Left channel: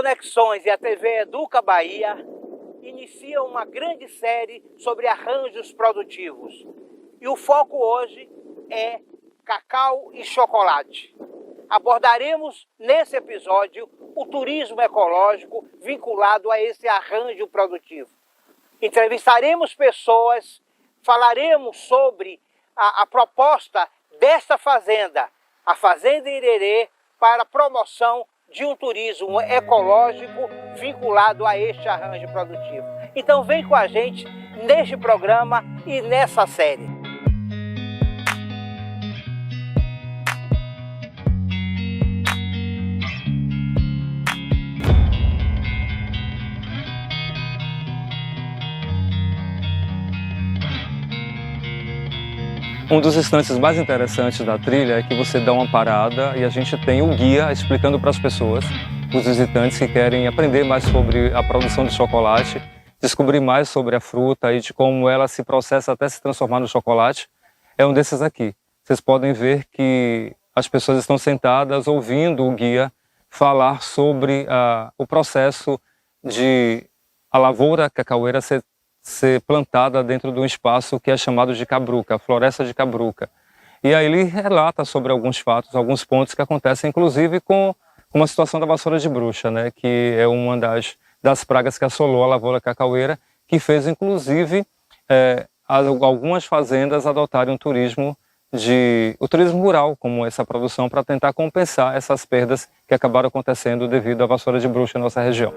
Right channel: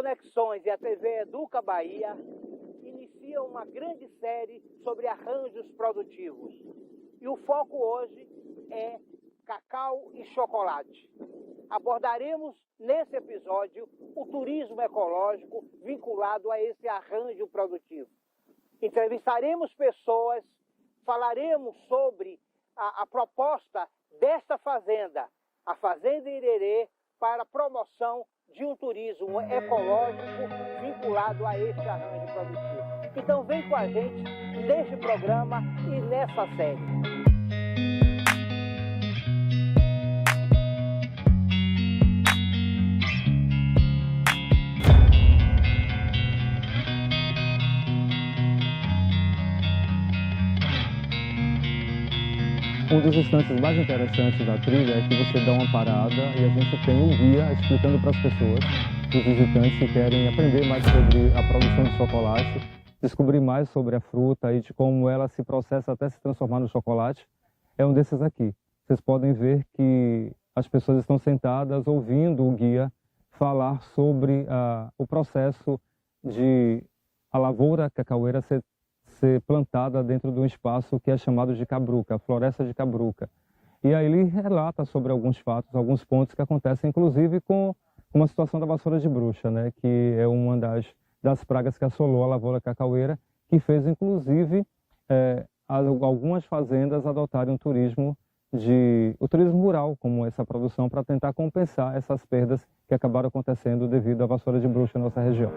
Conexões e a TV Educa Bahia iniciam uma grande série sobre arranjos produtivos. E o foco hoje é cacau e chocolate. Abordaremos nesse episódio o turismo ecológico vinculado a esse arranjo produtivo. Entrevistaremos pessoas, falaremos sobre a proposta desta fazenda, a Fazenda Irerê, para a promoção de um turismo ecológico vinculado a este arranjo produtivo. Então vem com a gente neste programa e nessa série. Um dos instantes mais interessantes da trilha é que você dá uma parada e a gente tem um guia explicando para as pessoas, os visitantes que querem aprender mais sobre a produção de chocolate, descobrir mais sobre a fruta e de como ela se processa até se transformar no chocolate. É um desses aqui. Vocês podem ver que as pessoas estão sentadas ouvindo o guia falar sobre o processo de a lavoura cacaueira ser plantada dentro de um espaço que é chamado de cabruca, a floresta de cabruca. E aí ele relata sobre alguns fatos, alguns pontos que acontecem, inclusive com uma situação da vassoura de bruxa, né, que é uma das pragas que assolou a lavoura cacaueira, que fez, inclusive, algumas fazendas adotarem o turismo rural, como essa produção, para tentar compensar essas perdas que acabaram acontecendo devido à vassoura de bruxa em nossa região.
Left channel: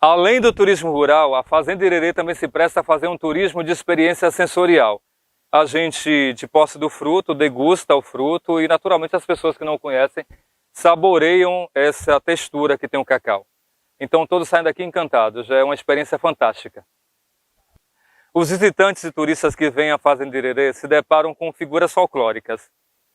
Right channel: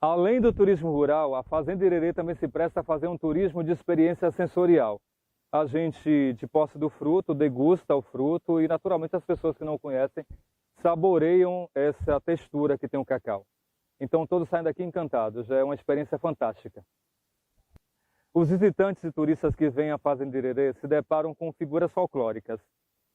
Além do turismo rural, a Fazenda Irerê também se presta a fazer um turismo de experiência sensorial. A gente, de posse do fruto, degusta o fruto e, naturalmente, as pessoas que não o conhecem saboreiam essa textura que tem o cacau. Então, todos saem daqui encantados, já é uma experiência fantástica. Os visitantes e turistas que vêm à Fazenda Irerê se deparam com figuras folclóricas.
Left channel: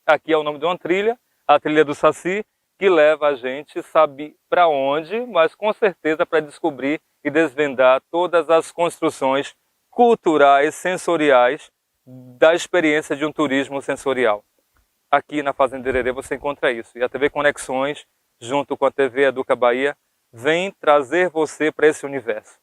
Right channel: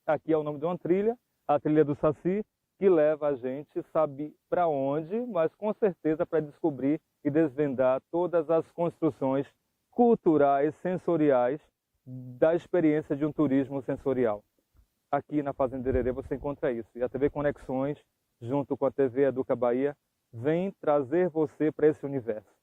Aqui é o nome de uma trilha, a Trilha do Saci, que leva a gente, sabe para onde, mas com certeza para descobrir e desvendar todas as construções culturais, sensoriais da experiência de um turismo sensorial. Aqui na Fazenda Irerê você encontra isso. E a TV Conexões, junto com a TV Educa Bahia, vem trazer você para esse universo.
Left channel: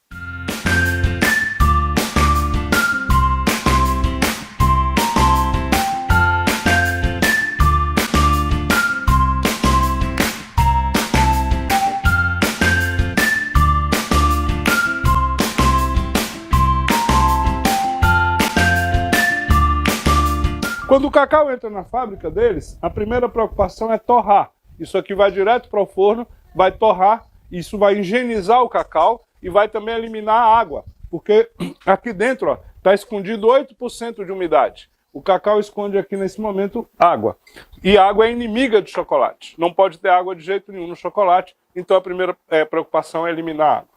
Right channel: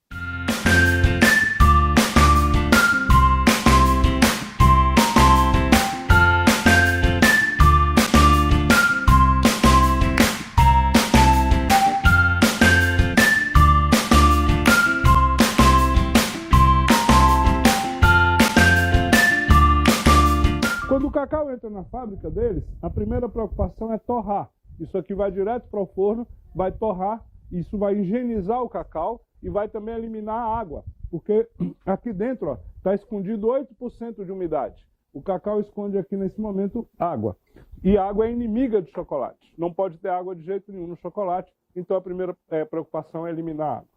Quando o cacau entra na fábrica deles, a primeira preocupação é torrar. Isso aqui vai direto para o forno, vai torrar, isso vai higienizar o cacau e vai também eliminar a água, porque aqui dentro está escondido 8% de umidade. O cacau esconde aqui nesse momento água. E a água é inimiga do chocolate. Não pode ter água de jeito nenhum no chocolate, então a primeira preocupação é eliminar a água.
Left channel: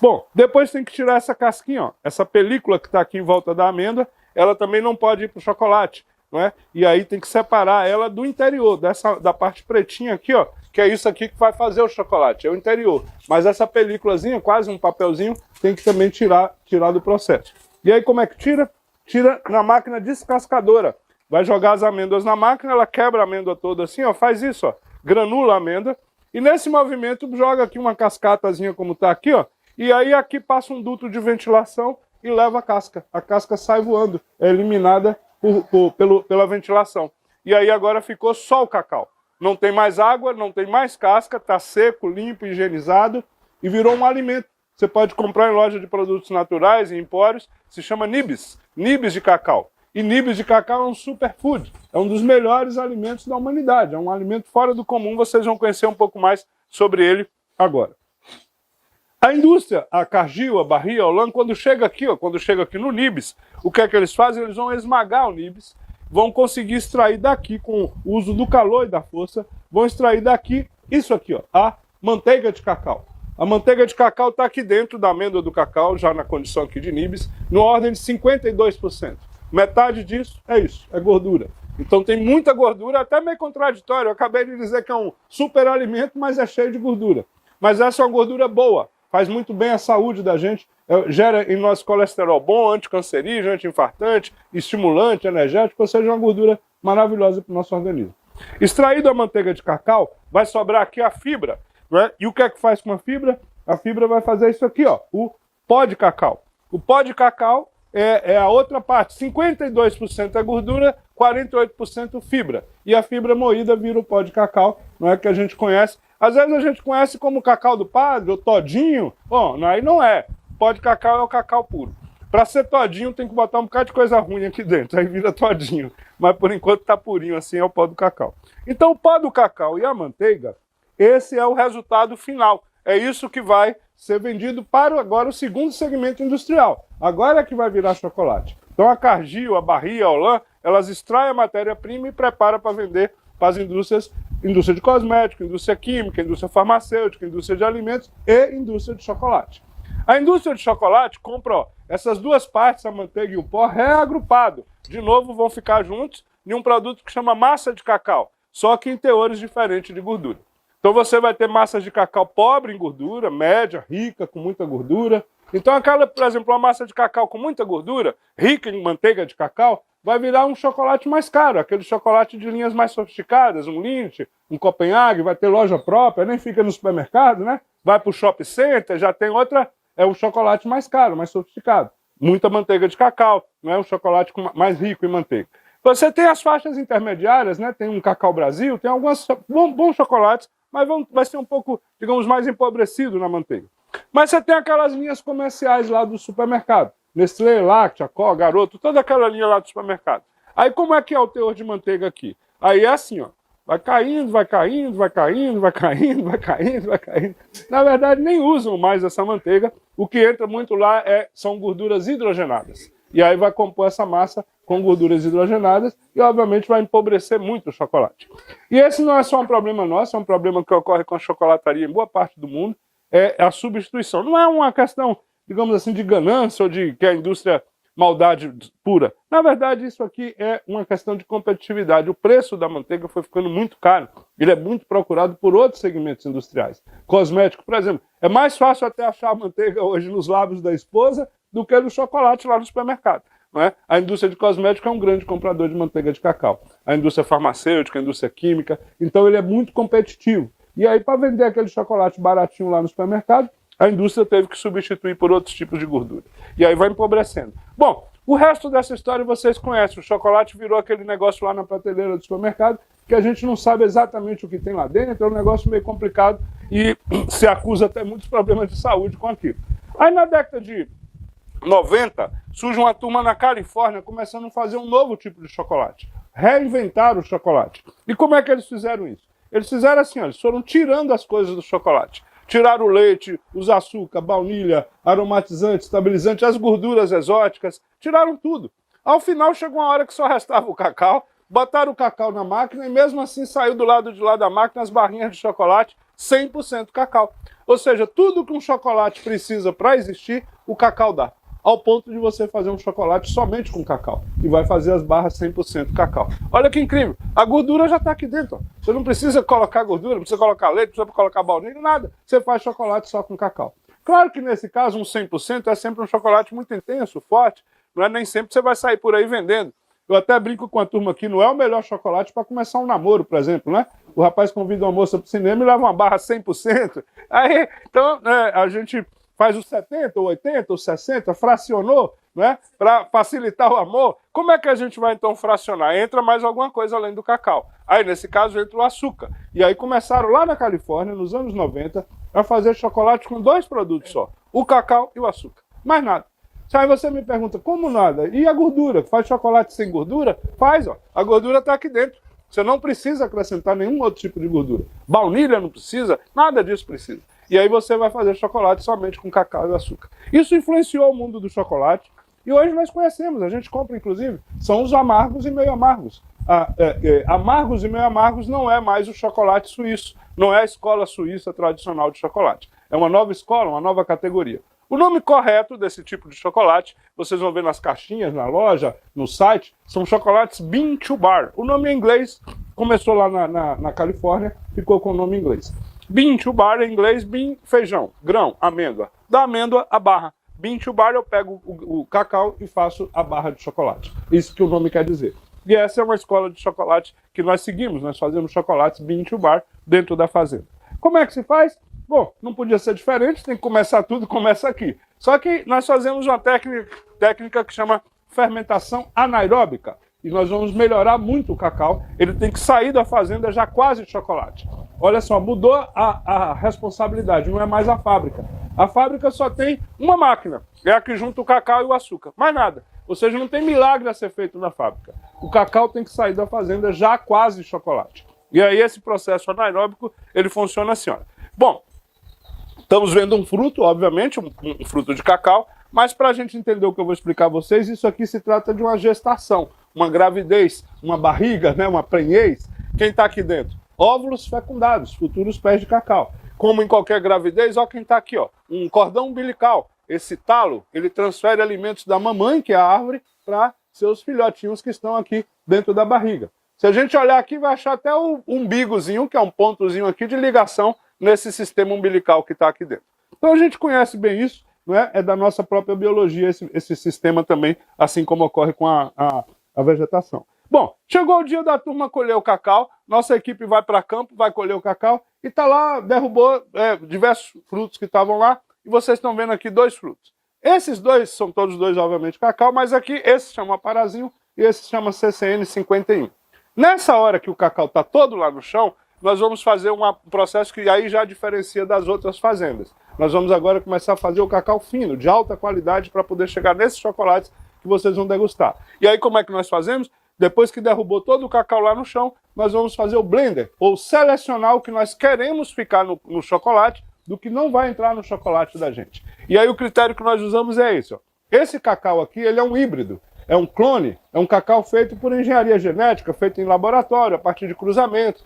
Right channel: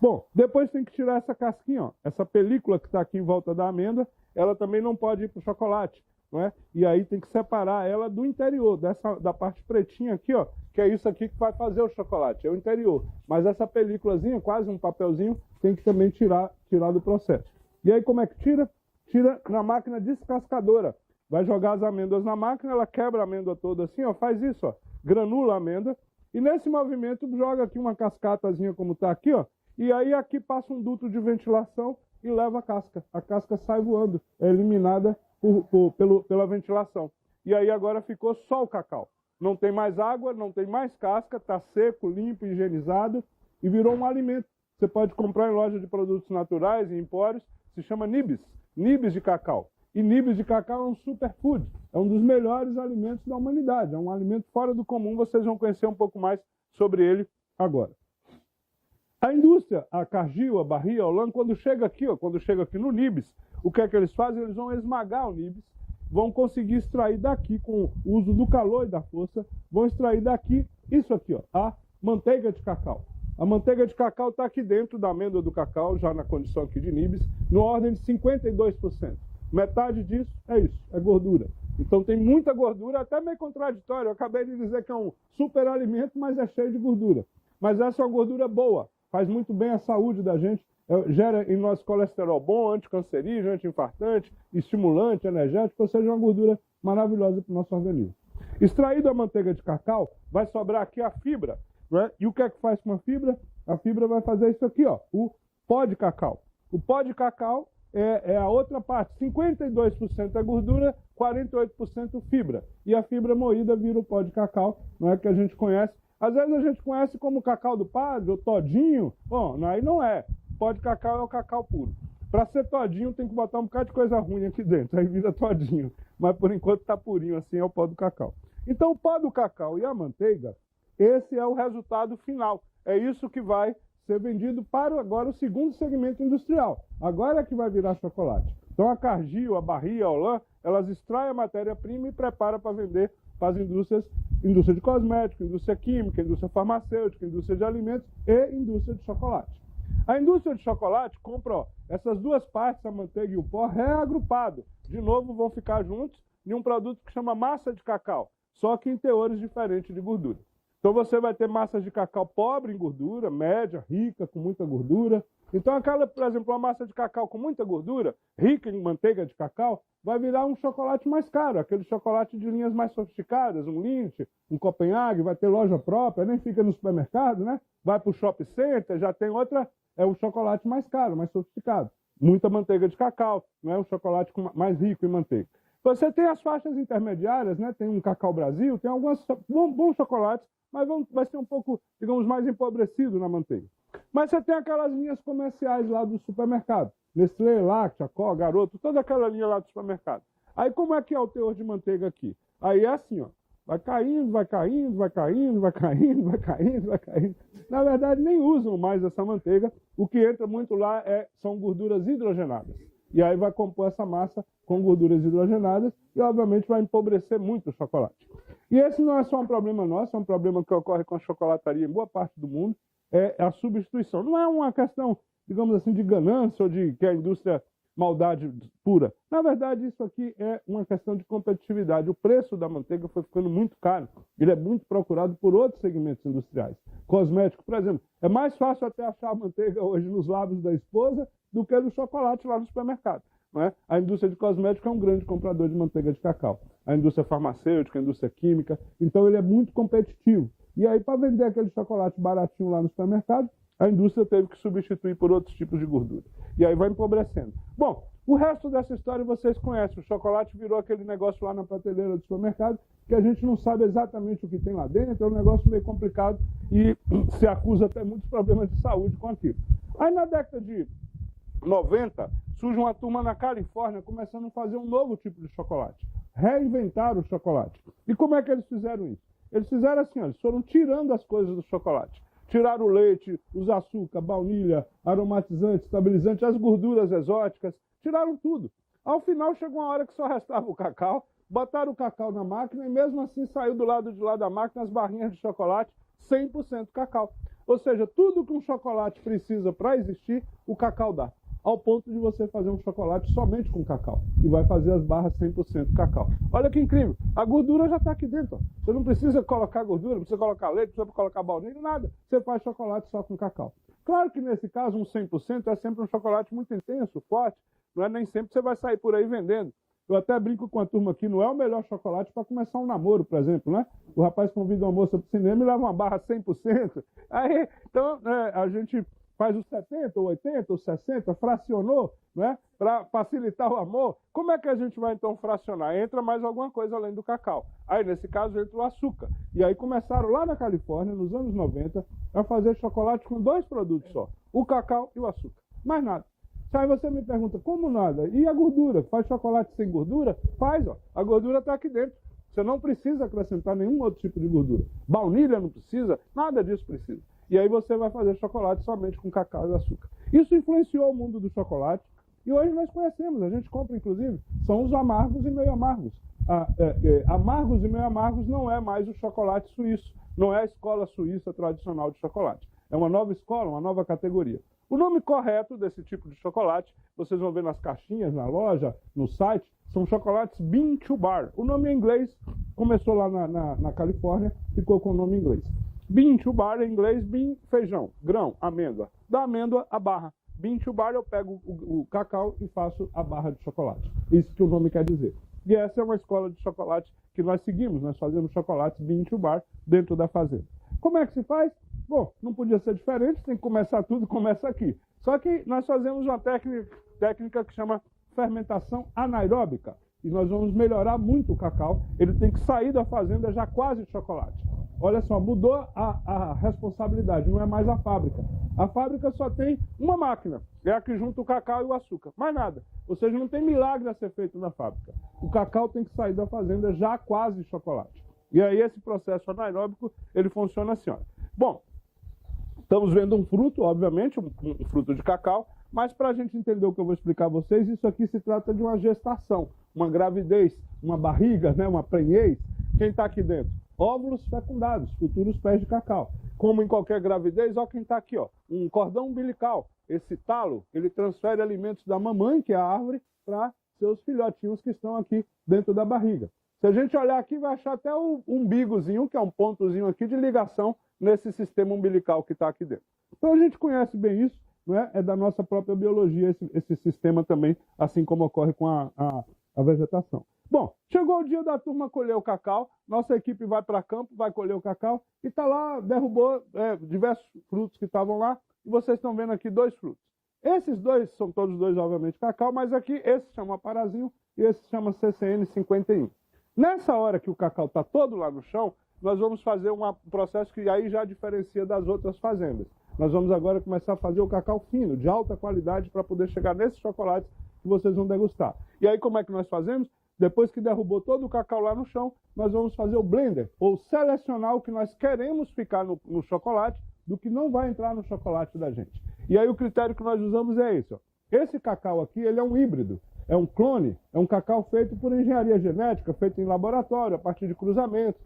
Bom, depois tem que tirar essa casquinha, ó, essa película que está aqui em volta da amêndoa, ela também não pode ir para o chocolate. Não é? E aí tem que separar ela do interior, da parte pretinha aqui, ó, que é isso aqui que vai fazer o chocolate, é o interior. Mas essa películazinha, quase um papelzinho, tem que também tirar do processo. E aí como é que tira? Tira na máquina descascadora. Vai jogar as amêndoas na máquina, ela quebra a amêndoa toda assim, ó, faz isso, ó, granula a amêndoa. E nesse movimento joga aqui uma cascatazinha como está aqui, ó, e aí aqui passa um duto de ventilação e leva a casca. A casca sai voando, é eliminada pela ventilação. E aí agora ficou só o cacau. Não tem mais água, não tem mais casca, está seco, limpo, higienizado e virou um alimento. Você pode comprar em loja de produtos naturais, em empórios, se chama nibs de cacau. E nibs de cacau é um superfood, é um dos melhores alimentos da humanidade, é um alimento fora do comum, vocês vão conhecer um pouco mais sobre ele agora. A indústria, a Cargill, a Barry, a Olam, quando chega aqui no nibs, o que é que eles fazem? Eles vão esmagar o nibs, vão conseguir extrair daqui, com o uso do calor e da força, vão extrair daqui isso aqui, ó, a manteiga de cacau. A manteiga de cacau está aqui dentro da amêndoa do cacau, já na condição aqui de nibs, no ordem de 52%. Metade disso é isso, é gordura. Então tem muita gordura, até meio contraditório. Eu acabei de dizer que é um superalimento, mas é cheio de gordura. Mas essa é uma gordura boa, faz muito bem à saúde da gente, gera em nós colesterol bom, anticancerígeno, anti-infartante, estimulante, energético, ou seja, uma gordura maravilhosa para o nosso organismo. Extraído a manteiga de cacau, vai sobrar aqui a fibra, né? E o que é que faz com a fibra? A fibra vai fazer isso aqui, ó, o pó de cacau. O pó de cacau é a outra parte, 52% é gordura, 48% fibra. E a fibra moída vira o pó de cacau, não é que a gente conhece. Às vezes a gente conhece como cacau do padre, ou todinho. Bom, aí não é. O pó de cacau é o cacau puro. Para ser todinho tem que botar um bocado de coisa ruim aqui dentro, aí vira todinho. Mas por enquanto tá purinho assim, é o pó do cacau. Então o pó do cacau e a manteiga, esse é o resultado final. É isso que vai ser vendido para agora o segundo segmento industrial. Agora é que vai virar chocolate. Então a Cargill, a Barry, a Olam, elas extraem a matéria-prima e preparam para vender para as indústrias, indústria de cosmético, indústria química, indústria farmacêutica, indústria de alimentos e indústria de chocolate. A indústria de chocolate compra, ó, essas duas partes, a manteiga e o pó, reagrupado. De novo, vão ficar juntos em um produto que chama massa de cacau, só que em teores diferentes de gordura. Então você vai ter massas de cacau pobre em gordura, média, rica, com muita gordura. Então aquela, por exemplo, uma massa de cacau com muita gordura, rica em manteiga de cacau, vai virar um chocolate mais caro, aquele chocolate de linhas mais sofisticadas, um Lindt, um Copenhague, vai ter loja própria, nem fica no supermercado, né? Vai para o shopping center, já tem outra, é um chocolate mais caro, mais sofisticado. Muita manteiga de cacau, não é um chocolate mais rico em manteiga. Você tem as faixas intermediárias, né? Tem um Cacau Brasil, tem alguns bons chocolates, mas vai ser um pouco, digamos, mais empobrecido na manteiga. Mas você tem aquelas linhas comerciais lá do supermercado. Nestlé, Láctea, Có, Garoto, toda aquela linha lá do supermercado. Aí como é que é o teor de manteiga aqui? Aí é assim, ó. Vai caindo, vai caindo, vai caindo, vai caindo, vai caindo, vai caindo. Na verdade, nem usam mais essa manteiga. O que entra muito lá são gorduras hidrogenadas. E aí vai compor essa massa com gorduras hidrogenadas e, obviamente, vai empobrecer muito o chocolate. E esse não é só um problema nosso, é um problema que ocorre com a chocolataria em boa parte do mundo, é a substituição. Não é uma questão, digamos assim, de ganância ou de que a indústria maldade pura. Na verdade, isso aqui é uma questão de competitividade. O preço da manteiga foi ficando muito caro. Ele é muito procurado por outros segmentos industriais. Cosmético, por exemplo. É mais fácil até achar a manteiga hoje nos lábios da esposa do que no chocolate lá no supermercado. Não é? A indústria de cosmético é um grande comprador de manteiga de cacau. A indústria farmacêutica, a indústria química. Então ele é muito competitivo. E aí, para vender aquele chocolate baratinho lá no supermercado, a indústria teve que substituir por outros tipos de gordura. E aí vai empobrecendo. Bom, o resto dessa história vocês conhecem. O chocolate virou aquele negócio lá na prateleira do supermercado que a gente não sabe exatamente o que tem lá dentro. É um negócio meio complicado e se acusa até muitos problemas de saúde com aquilo. Aí na década de 90, surge uma turma na Califórnia começando a fazer um novo tipo de chocolate. Reinventar o chocolate. E como é que eles fizeram isso? Eles fizeram assim, ó, eles foram tirando as coisas do chocolate. Tiraram o leite, os açúcar, baunilha, aromatizante, estabilizante, as gorduras exóticas, tiraram tudo. Ao final chegou uma hora que só restava o cacau, botaram o cacau na máquina e mesmo assim saiu do lado de lá da máquina as barrinhas de chocolate 100% cacau. Ou seja, tudo que um chocolate precisa para existir, o cacau dá. Ao ponto de você fazer um chocolate somente com cacau. E vai fazer as barras 100% cacau. Olha que incrível. A gordura já está aqui dentro. Ó. Você não precisa colocar gordura, não precisa colocar leite, não precisa colocar baunilha, nada. Você faz chocolate só com cacau. Claro que nesse caso, um 100% é sempre um chocolate muito intenso, forte. Não é nem sempre você vai sair por aí vendendo. Eu até brinco com a turma aqui, não é o melhor chocolate para começar um namoro, por exemplo, né? O rapaz convida uma moça para o cinema e leva uma barra 100%. Aí, então, a gente faz os 70, ou 80, ou 60, fracionou, né? Para facilitar o amor. Como é que a gente vai então fracionar? Entra mais alguma coisa além do cacau. Aí, nesse caso, entra o açúcar. E aí começaram lá na Califórnia, nos anos 90, a fazer chocolate com 2 produtos só. O cacau e o açúcar. Mais nada. Aí você me pergunta, como nada? E a gordura? Faz chocolate sem gordura? Faz, ó. A gordura está aqui dentro. Você não precisa acrescentar nenhum outro tipo de gordura. Baunilha não precisa, nada disso precisa. E aí você vai fazer chocolate somente com cacau e açúcar. Isso influenciou o mundo do chocolate. E hoje nós conhecemos, a gente compra inclusive, são os amargos e meio amargos. Amargos e meio amargos não é mais o chocolate suíço, não é a escola suíça tradicional de chocolate. É uma nova escola, uma nova categoria. O nome correto desse tipo de chocolate, vocês vão ver nas caixinhas, na loja, no site, são chocolates Bean to Bar. O nome em inglês começou lá na Califórnia, ficou com o nome em inglês. Bean to Bar em inglês, bean, feijão, grão, amêndoa. Da amêndoa, a barra. Bean to Bar eu pego o cacau e faço a barra de chocolate. Isso que o nome quer dizer. E essa é uma escola de chocolate que nós seguimos, nós fazemos chocolates Bean to Bar dentro da fazenda. Como é que se faz? Bom, não podia ser diferente, tem que começar tudo, começa aqui. Só que nós fazemos uma técnica que chama fermentação anaeróbica. E nós vamos melhorar muito o cacau, ele tem que sair da fazenda já quase de chocolate. Olha só, mudou a responsabilidade, não é mais a fábrica. A fábrica só tem uma máquina, é a que junta o cacau e o açúcar, mais nada. Ou seja, não tem milagre a ser feito na fábrica. O cacau tem que sair da fazenda já quase de chocolate. E aí esse processo anaeróbico, ele funciona assim, olha. Bom, estamos vendo um fruto, obviamente, um fruto de cacau, mas para a gente entender o que eu vou explicar a vocês, isso aqui se trata de uma gestação, uma gravidez, uma barriga, né, uma prenhez. Quem está aqui dentro? Óvulos fecundados, futuros pés de cacau. Como em qualquer gravidez, olha quem está aqui, ó, um cordão umbilical. Esse talo, ele transfere alimentos da mamãe, que é a árvore, para seus filhotinhos que estão aqui dentro da barriga. Se a gente olhar aqui, vai achar até o umbigozinho, que é um pontozinho aqui de ligação nesse sistema umbilical que está aqui dentro. Então a gente conhece bem isso, não é? É da nossa própria biologia esse sistema também, assim como ocorre com a vegetação. Bom, chegou o dia da turma colher o cacau, nossa equipe vai para campo, vai colher o cacau, e está lá, derrubou diversos frutos que estavam lá, e vocês estão vendo aqui 2 frutos. Esses dois são todos dois, obviamente, cacau, mas aqui esse se chama parazinho e esse se chama CCN 51. Nessa hora que o cacau está todo lá no chão, nós vamos fazer um processo que aí já diferencia das outras fazendas. Nós vamos agora começar a fazer o cacau fino, de alta qualidade, para poder chegar nesses chocolates que vocês vão degustar. E aí como é que nós fazemos? Depois que derrubou todo o cacau lá no chão, nós vamos fazer o blender, ou selecionar o que nós queremos ficar no chocolate, do que não vai entrar no chocolate da gente. E aí o critério que nós usamos é esse, ó. Esse cacau aqui, ele é um híbrido, é um clone, é um cacau feito por engenharia genética, feito em laboratório, a partir de cruzamentos.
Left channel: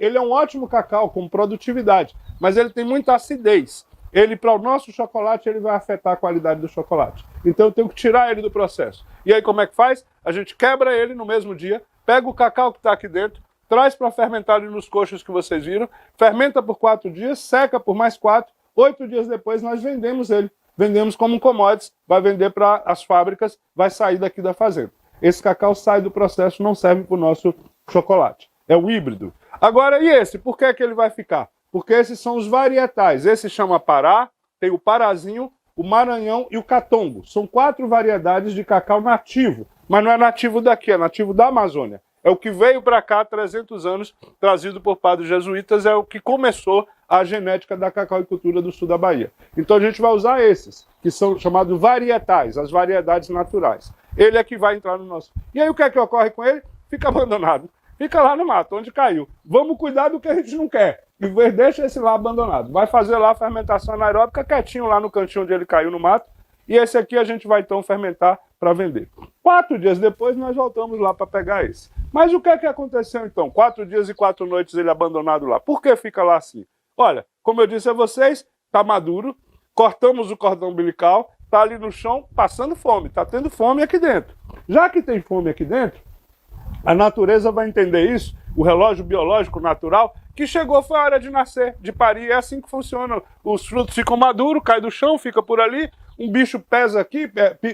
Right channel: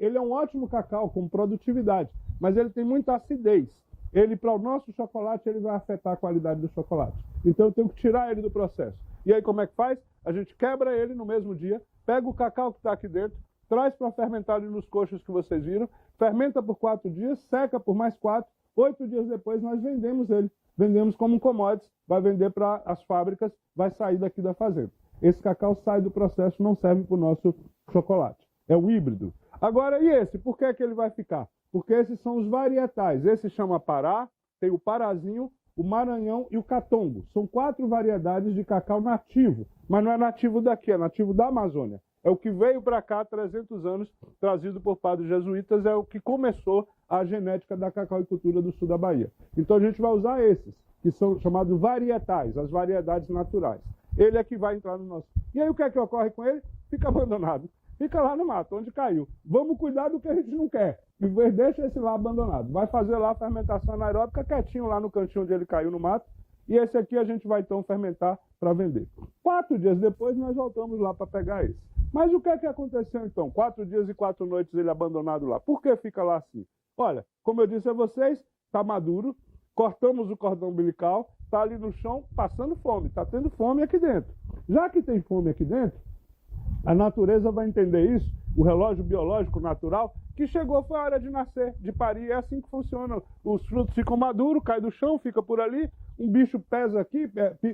Ele é um ótimo cacau com produtividade, mas ele tem muita acidez. Ele, para o nosso chocolate, ele vai afetar a qualidade do chocolate. Então eu tenho que tirar ele do processo. E aí como é que faz? A gente quebra ele no mesmo dia, pega o cacau que está aqui dentro, traz para fermentar ali nos coxos que vocês viram, fermenta por 4 dias, seca por mais 4, 8 dias depois nós vendemos ele. Vendemos como um commodities, vai vender para as fábricas, vai sair daqui da fazenda. Esse cacau sai do processo, não serve para o nosso chocolate. É o híbrido. Agora, e esse? Por que ele vai ficar? Porque esses são os varietais. Esse chama Pará, tem o Parazinho, o Maranhão e o Catongo. São 4 variedades de cacau nativo, mas não é nativo daqui, é nativo da Amazônia. É o que veio para cá há 300 anos, trazido por padres jesuítas, é o que começou a genética da cacauicultura do sul da Bahia. Então a gente vai usar esses, que são chamados varietais, as variedades naturais. Ele é que vai entrar no nosso... E aí o que é que ocorre com ele? Fica abandonado. Fica lá no mato, onde caiu. Vamos cuidar do que a gente não quer. E deixa esse lá abandonado. Vai fazer lá a fermentação anaeróbica quietinho lá no cantinho onde ele caiu no mato. E esse aqui a gente vai então fermentar para vender. 4 dias depois nós voltamos lá para pegar esse. Mas o que é que aconteceu então? 4 dias e 4 noites ele abandonado lá. Por que fica lá assim? Olha, como eu disse a vocês, está maduro, cortamos o cordão umbilical, está ali no chão passando fome, está tendo fome aqui dentro. Já que tem fome aqui dentro, a natureza vai entender isso, o relógio biológico natural, que chegou, foi a hora de nascer, de parir, é assim que funciona. Os frutos ficam maduros, cai do chão, fica por ali, um bicho pesa aqui,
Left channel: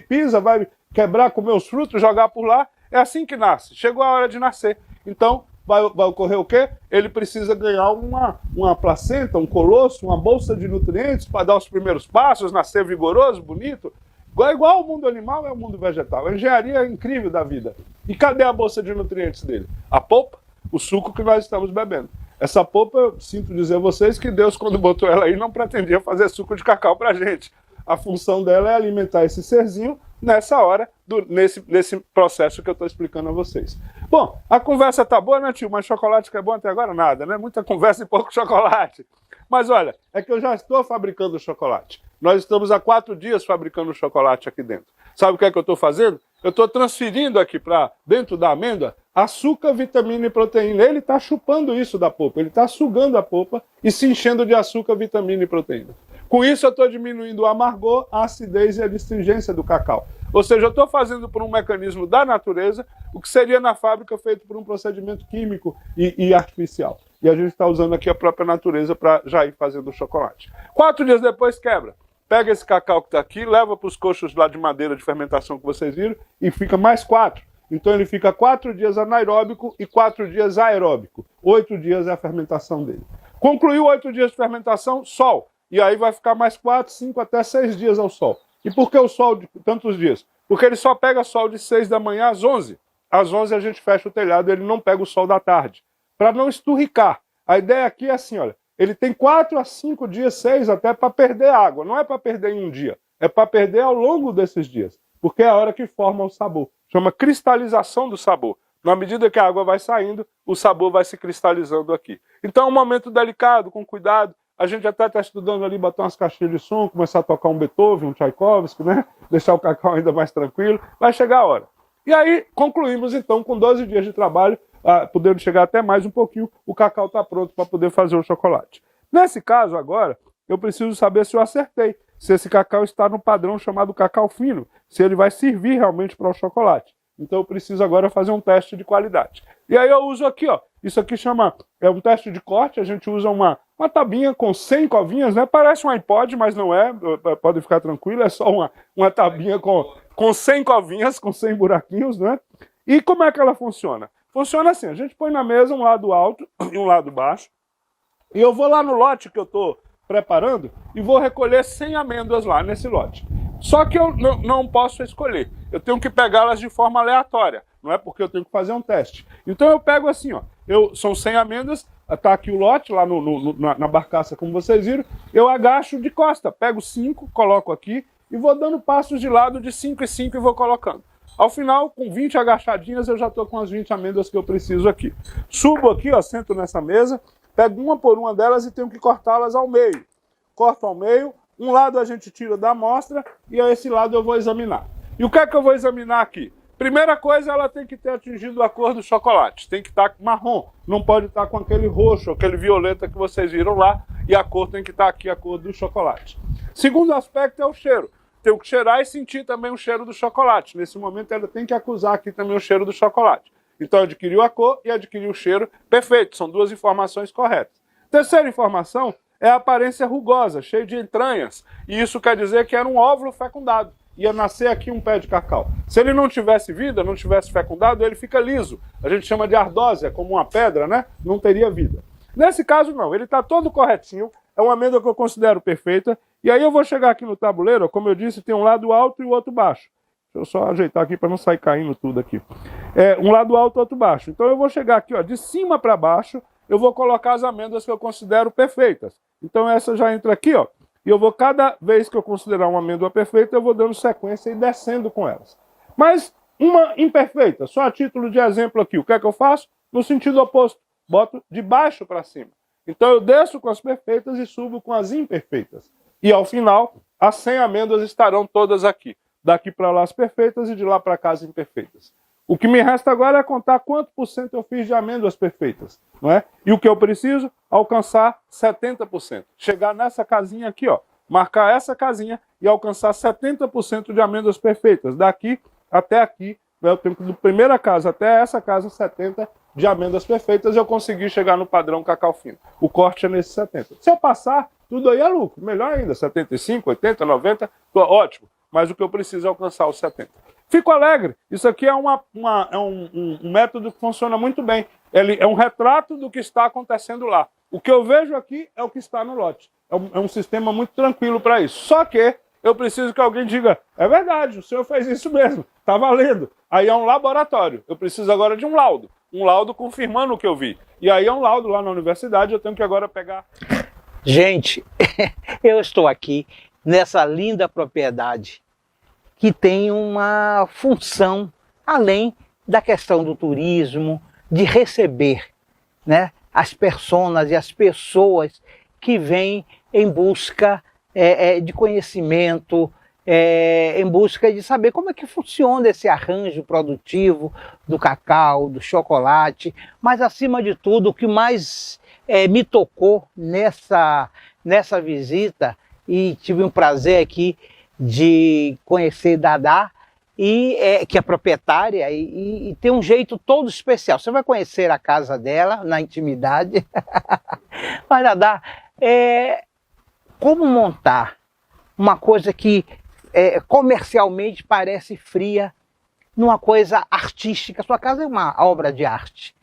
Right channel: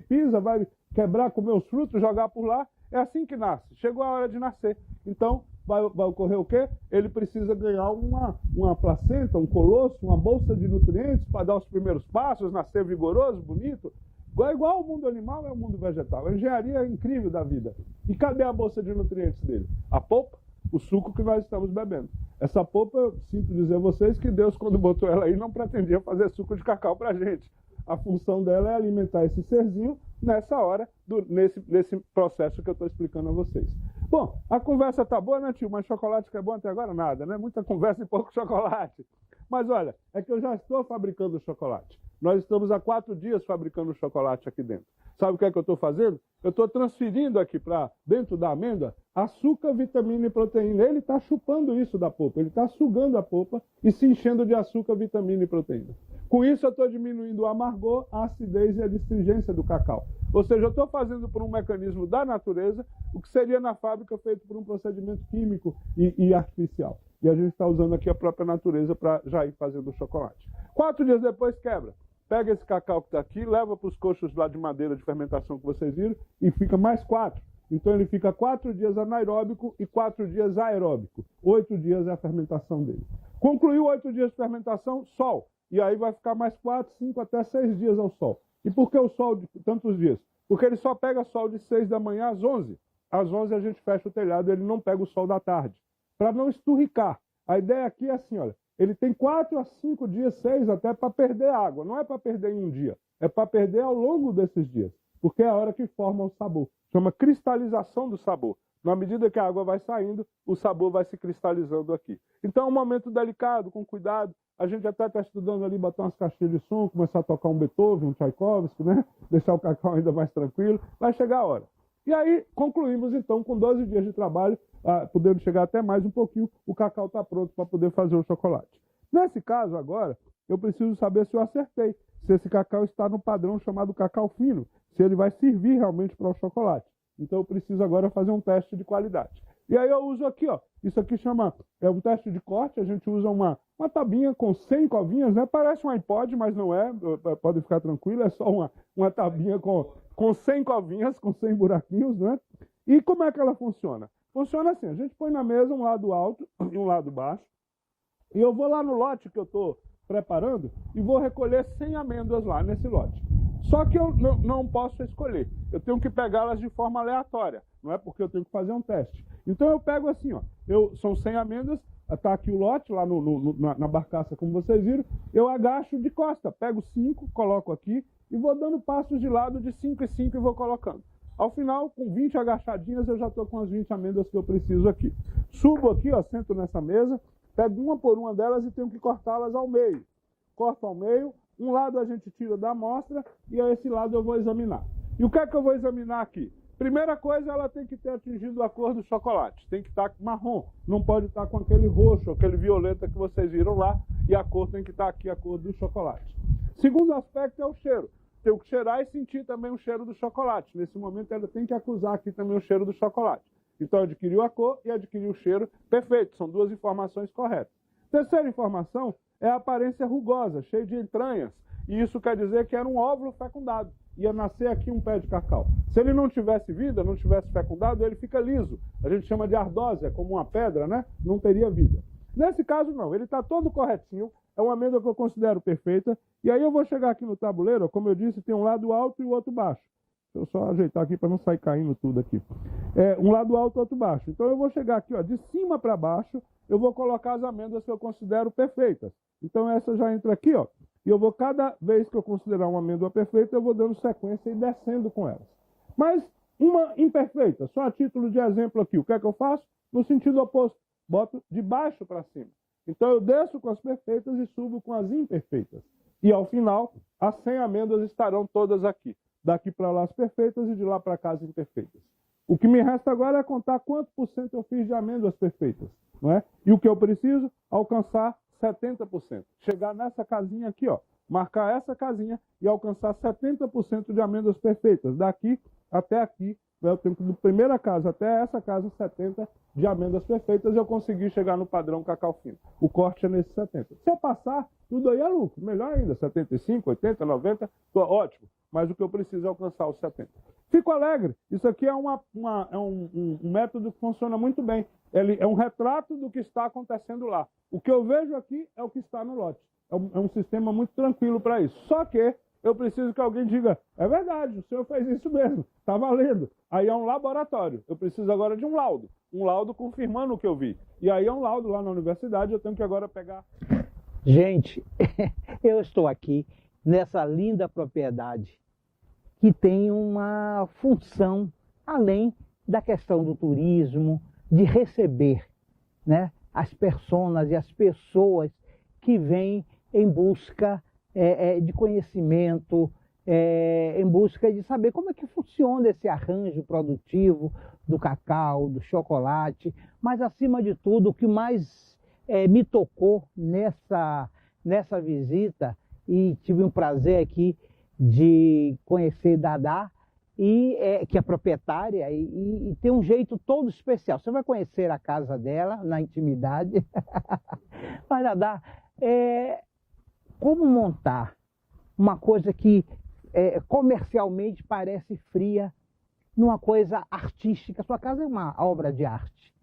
pisa, vai quebrar, comer os frutos, jogar por lá, é assim que nasce, chegou a hora de nascer. Então, vai ocorrer o quê? Ele precisa ganhar uma placenta, um colosso, uma bolsa de nutrientes para dar os primeiros passos, nascer vigoroso, bonito. Igual o mundo animal é o mundo vegetal. A engenharia é incrível da vida. E cadê a bolsa de nutrientes dele? A polpa, o suco que nós estamos bebendo. Essa polpa, eu sinto dizer a vocês que Deus, quando botou ela aí, não pretendia fazer suco de cacau para a gente. a função dela é alimentar esse serzinho nessa hora, nesse processo que eu estou explicando a vocês. Bom, a conversa tá boa, né, tio? Mas chocolate que é bom até agora? Nada, né? Muita conversa e pouco chocolate. Mas olha, é que eu já estou fabricando chocolate. Nós estamos há 4 dias fabricando chocolate aqui dentro. Sabe o que é que eu estou fazendo? Eu estou transferindo aqui para dentro da amêndoa açúcar, vitamina e proteína. Ele está chupando isso da polpa, ele está sugando a polpa e se enchendo de açúcar, vitamina e proteína. Com isso eu estou diminuindo o amargor, a acidez e a astringência do cacau. Ou seja, eu estou fazendo por um mecanismo da natureza o que seria na fábrica feito por um procedimento químico e artificial. E a gente está usando aqui a própria natureza para já ir fazendo o chocolate. 4 dias depois quebra. Pega esse cacau que está aqui, leva para os coxos lá de madeira de fermentação que vocês viram e fica mais 4. Então ele fica 4 dias anaeróbico e 4 dias aeróbico. 8 dias é a fermentação dele. Concluiu 8 dias de fermentação, sol. E aí vai ficar mais 4, 5 até 6 dias ao sol. E por que o sol de tantos dias? Porque ele só pega sol de 6 da manhã às 11. Às 11 a gente fecha o telhado, ele não pega o sol da tarde. Para não esturricar. A ideia aqui é assim, olha. Ele tem 4 a 5 dias, 6 até para perder água. Não é para perder em um dia. É para perder ao longo desses dias. Porque é a hora que forma o sabor. Chama cristalização do sabor. Na medida que a água vai saindo, o sabor vai se cristalizando aqui. Então é um momento delicado, com cuidado. A gente até está estudando ali, botar umas caixinhas de som, começar a tocar um Beethoven, um Tchaikovsky, né? Deixar o cacau ainda mais tranquilo. Vai chegar a hora. E aí concluímos então com 12 dias de trabalho, podendo chegar até mais um pouquinho, o cacau está pronto para poder fazer o chocolate. Nesse caso agora, eu preciso saber se eu acertei, se esse cacau está no padrão chamado cacau fino, se ele vai servir realmente para o chocolate. Então eu preciso agora fazer um teste de qualidade. E aí eu uso aqui, ó, isso aqui é um teste de corte, a gente usa uma tabinha com 100 covinhas, né? Parece um iPod, mas não é, podem ficar tranquilos, é só uma tabinha com 100 covinhas, com 100 buraquinhos, né? E como é que ela funciona? Funciona assim, a gente põe na mesa um lado alto e um lado baixo, e eu vou lá no lote que eu estou preparando e vou recolher 100 amêndoas lá nesse lote. Só que eu não posso escolher, eu tenho que pegá-las de forma aleatória, não é porque eu tenho que fazer um teste. Então eu pego assim, ó, são 100 amêndoas, está aqui o lote, lá na barcaça, como vocês viram, eu agacho de costa, pego 5, coloco aqui e vou dando passos de lado de 5 em 5 e vou colocando. Ao final, com 20 agachadinhas, eu já estou com as 20 amêndoas que eu preciso aqui. Subo aqui, ó, sento nessa mesa, pego uma por uma delas e tenho que cortá-las ao meio. Corto ao meio, um lado a gente tira da amostra e a esse lado eu vou examinar. E o que é que eu vou examinar aqui? Primeira coisa, ela tem que ter atingido a cor do chocolate. Tem que estar marrom, não pode estar com aquele roxo, aquele violeta que vocês viram lá, e a cor tem que estar aqui, a cor do chocolate. Segundo aspecto é o cheiro. Tenho que cheirar e sentir também o cheiro do chocolate. Nesse momento ela tem que acusar aqui também o cheiro do chocolate. Então adquiriu a cor e adquiriu o cheiro. Perfeito, são 2 informações corretas. Terceira informação é a aparência rugosa, cheia de entranhas. E isso quer dizer que era um óvulo fecundado. Ia nascer aqui um pé de cacau. Se ele não tivesse vida, não tivesse fecundado, ele fica liso. A gente chama de ardósia, como uma pedra, né? Não teria vida. Nesse caso não, ele está todo corretinho. É uma amêndoa que eu considero perfeita. E aí eu vou chegar aqui no tabuleiro, como eu disse, tem um lado alto e o outro baixo. Deixa eu só ajeitar aqui para não sair caindo tudo aqui. Um lado alto e outro baixo. Então eu vou chegar aqui, ó, de cima para baixo, eu vou colocar as amêndoas que eu considero perfeitas. Então essa já entra aqui, ó. E eu vou, cada vez que eu considerar uma amêndoa perfeita, eu vou dando sequência e descendo com elas. Mas uma imperfeita, só a título de exemplo aqui, o que é que eu faço? No sentido oposto, boto de baixo para cima. Então eu desço com as perfeitas e subo com as imperfeitas. E ao final, as 100 amêndoas estarão todas aqui. Daqui para lá as perfeitas e de lá para cá as imperfeitas. O que me resta agora é contar quanto % eu fiz de amêndoas perfeitas, não é? E o que eu preciso? Alcançar 70%. Chegar nessa casinha aqui, ó, marcar essa casinha e alcançar 70% de amêndoas perfeitas. Daqui até aqui, né, eu tenho que, da primeira casa até essa casa, 70 de amêndoas perfeitas, eu consegui chegar no padrão cacau fino. O corte é nesse 70. Se eu passar, tudo aí é lucro. Melhor ainda, 75, 80, 90, ótimo. Mas o que eu preciso é alcançar os 70. Fico alegre. Isso aqui é um método que funciona muito bem. Ele é um retrato do que está acontecendo lá. O que eu vejo aqui é o que está no lote. É um sistema muito tranquilo para isso. Só que eu preciso que alguém diga, é verdade, o senhor fez isso mesmo, está valendo. Aí é um laboratório. Eu preciso agora de um laudo confirmando o que eu vi. E aí é um laudo lá na universidade, eu tenho que agora pegar... Gente, eu estou aqui nessa linda propriedade, que tem uma função além da questão do turismo, de receber, né, as personas e as pessoas que vêm em busca de conhecimento, em busca de saber como é que funciona esse arranjo produtivo do cacau, do chocolate, mas acima de tudo o que mais me tocou nessa visita, e tive um prazer aqui de conhecer Dadá, que é proprietária, e tem um jeito todo especial. Você vai conhecer a casa dela na intimidade. Mas Dadá, como montar uma coisa que comercialmente parece fria numa coisa artística? Sua casa é uma obra de arte.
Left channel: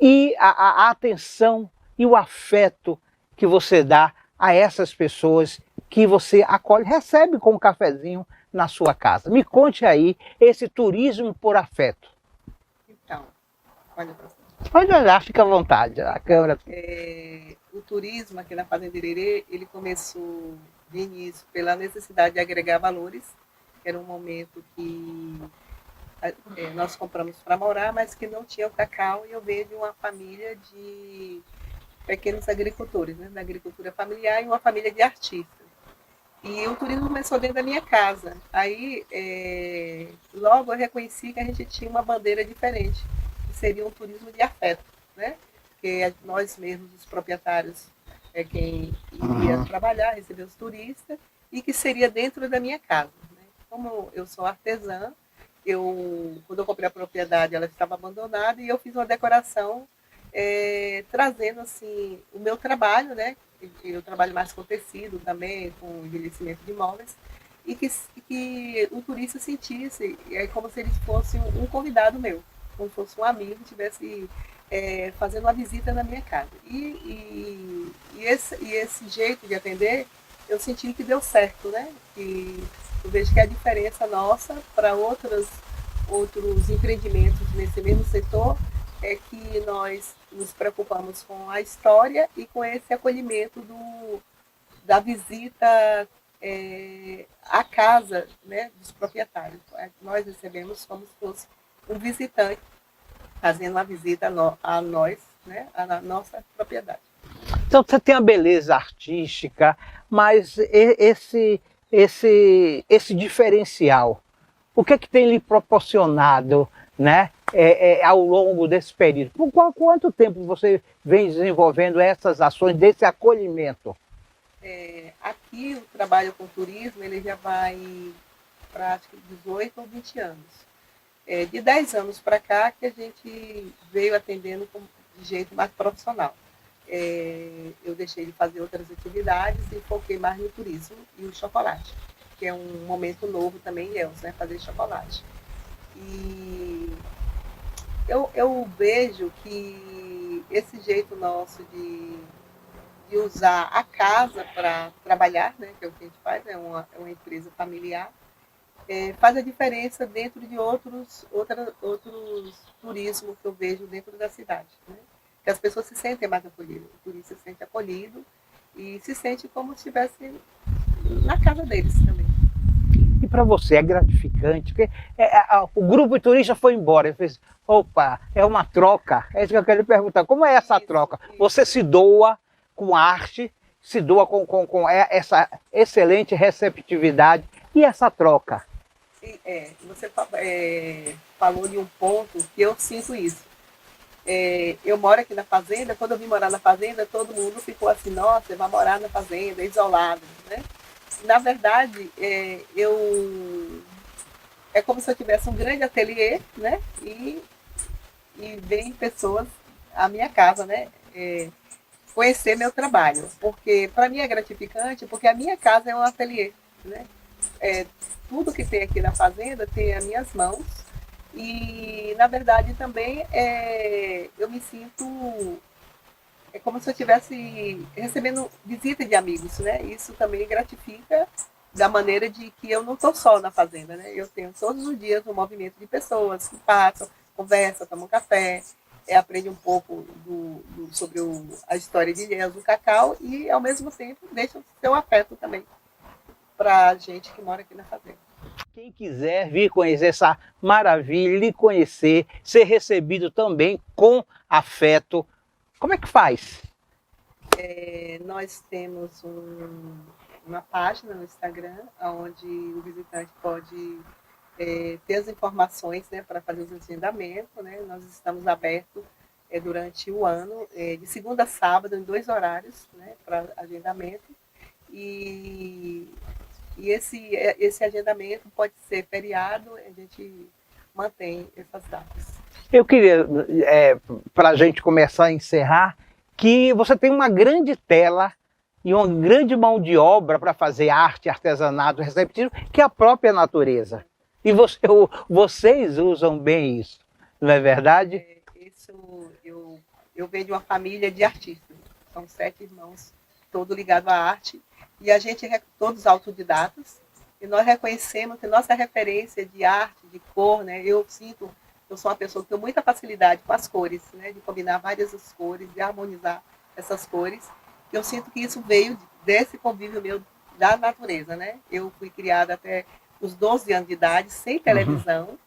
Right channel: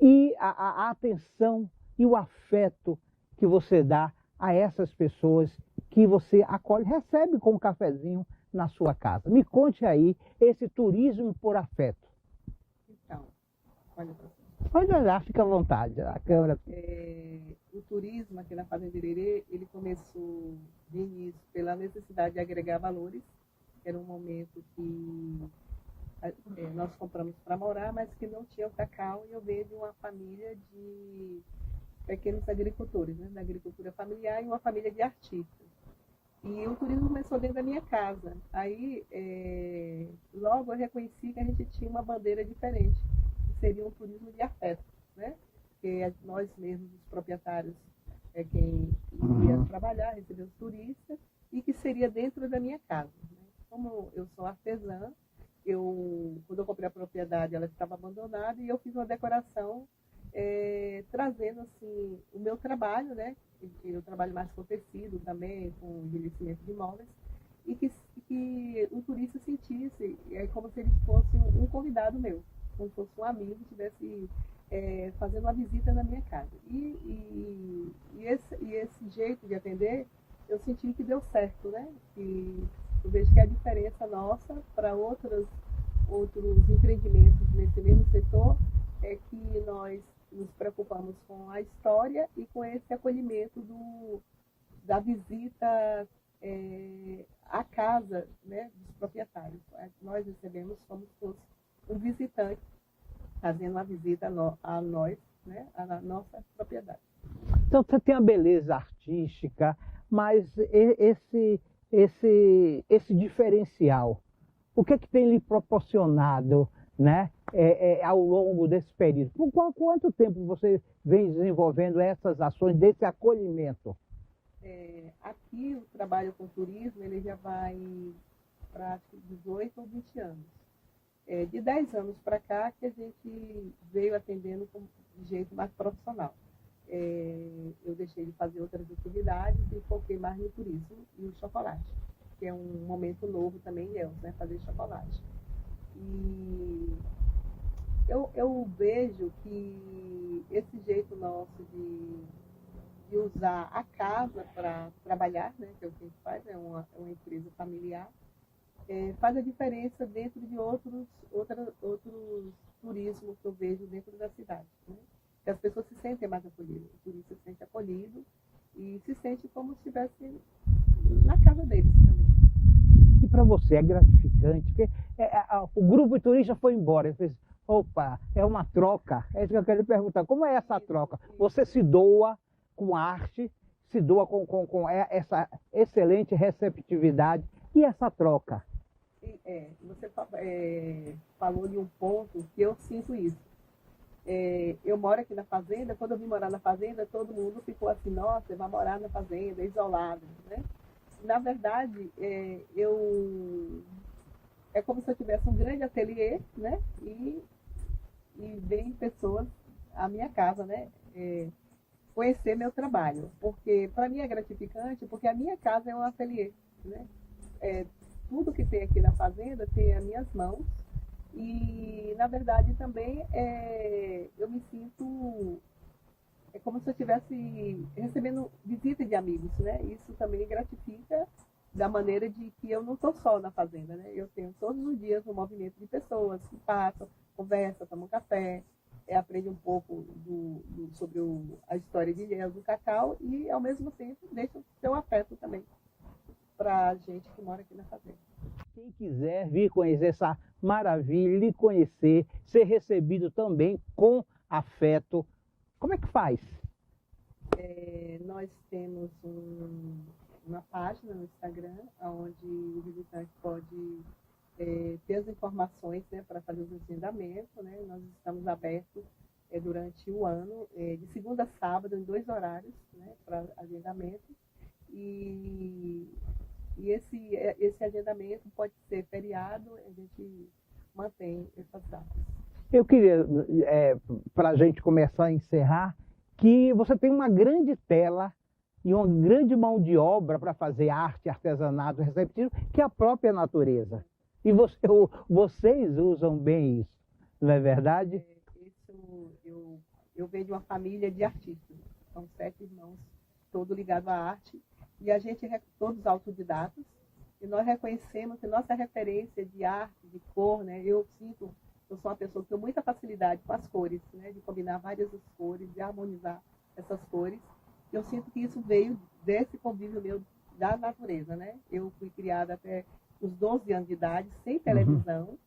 E a atenção e o afeto que você dá a essas pessoas que você acolhe, recebe com um cafezinho na sua casa. Me conte aí esse turismo por afeto. Então, olha para você. Pode olhar, fica à vontade, a câmera. O turismo aqui na Fazenda Irerê, ele começou de início pela necessidade de agregar valores, que era um momento que nós compramos para morar, mas que não tinha o cacau, e eu venho de uma família de pequenos agricultores, né, da agricultura familiar, e uma família de artistas. E o turismo começou dentro da minha casa. Aí, logo eu reconheci que a gente tinha uma bandeira diferente, que seria um turismo de afeto, né? Porque nós mesmos, os proprietários, quem iria trabalhar, receber os turistas, e que seria dentro da minha casa, né? Como eu sou artesã, quando eu comprei a propriedade, ela estava abandonada, e eu fiz uma decoração trazendo assim o meu trabalho, né? Eu trabalho mais com tecido também, com envelhecimento de móveis, e que o turista sentisse como se ele fosse um convidado meu, como se fosse um amigo que estivesse fazendo uma visita na minha casa. E esse jeito de atender, eu senti que deu certo, né? E eu vejo que a diferença nossa para outros empreendimentos nesse mesmo setor é que nós nos preocupamos com a história e com esse acolhimento da visita à casa, né, dos proprietários. Nós recebemos como se fosse um visitante fazendo uma visita a nós, né, à nossa propriedade. Então você tem a beleza artística, mas esse diferencial, o que é que tem lhe proporcionado, né, ao longo desse período? Por quanto tempo você vem desenvolvendo essas ações desse acolhimento? Aqui o trabalho com turismo ele já vai para acho que 18 ou 20 anos. De 10 anos para cá que a gente veio atendendo de jeito mais profissional. Eu deixei de fazer outras atividades e foquei mais no turismo e o chocolate, que é um momento novo também em Ilhéus, né, fazer chocolate. E eu vejo que esse jeito nosso de usar a casa para trabalhar, né, que é o que a gente faz, é uma empresa familiar, faz a diferença dentro de outros turismos que eu vejo dentro da cidade, né? Que as pessoas se sentem mais acolhidas, o turista se sente acolhido e se sente como se estivesse na casa deles também. E para você é gratificante, porque o grupo de turista foi embora, ele fez, opa, é uma troca. É isso que eu quero lhe perguntar, como é essa troca? Você se doa com arte, se doa com essa excelente receptividade, e essa troca? Você falou de um ponto que eu sinto isso. Eu moro aqui na fazenda, quando eu vim morar na fazenda, todo mundo ficou assim, nossa, você vai morar na fazenda, isolado, né? Na verdade, é como se eu tivesse um grande ateliê, né? E vem pessoas à minha casa, né? Conhecer meu trabalho, porque para mim é gratificante, porque a minha casa é um ateliê, né? Tudo que tem aqui na fazenda tem as minhas mãos e, na verdade, também eu me sinto como se eu estivesse recebendo visita de amigos, né? Isso também gratifica da maneira de que eu não estou só na fazenda, né? Eu tenho todos os dias um movimento de pessoas que passam, conversam, tomam café, aprende um pouco sobre a história de Ilhéus do cacau e, ao mesmo tempo, deixa o seu afeto também. para a gente que mora aqui na fazenda. Quem quiser vir conhecer essa maravilha, lhe conhecer, ser recebido também com afeto, como é que faz? Nós temos uma página no Instagram, onde o visitante pode ter as informações, né, para fazer os agendamentos. Né? Nós estamos abertos durante o ano, de segunda a sábado, em 2 horários, né, para agendamento. E esse agendamento pode ser feriado, a gente mantém essas datas. Eu queria, para a gente começar a encerrar, que você tem uma grande tela e uma grande mão de obra para fazer arte, artesanato, receptivo, que é a própria natureza. E vocês usam bem isso, não é verdade? Eu venho de uma família de artistas, são 7 irmãos, todos ligados à arte, e a gente é todos autodidatas, e nós reconhecemos que nossa referência de arte, de cor, né, eu sou uma pessoa que tem muita facilidade com as cores, né, de combinar várias cores, de harmonizar essas cores. Eu sinto que isso veio desse convívio meu da natureza, né? Eu fui criada até os 12 anos de idade, sem televisão,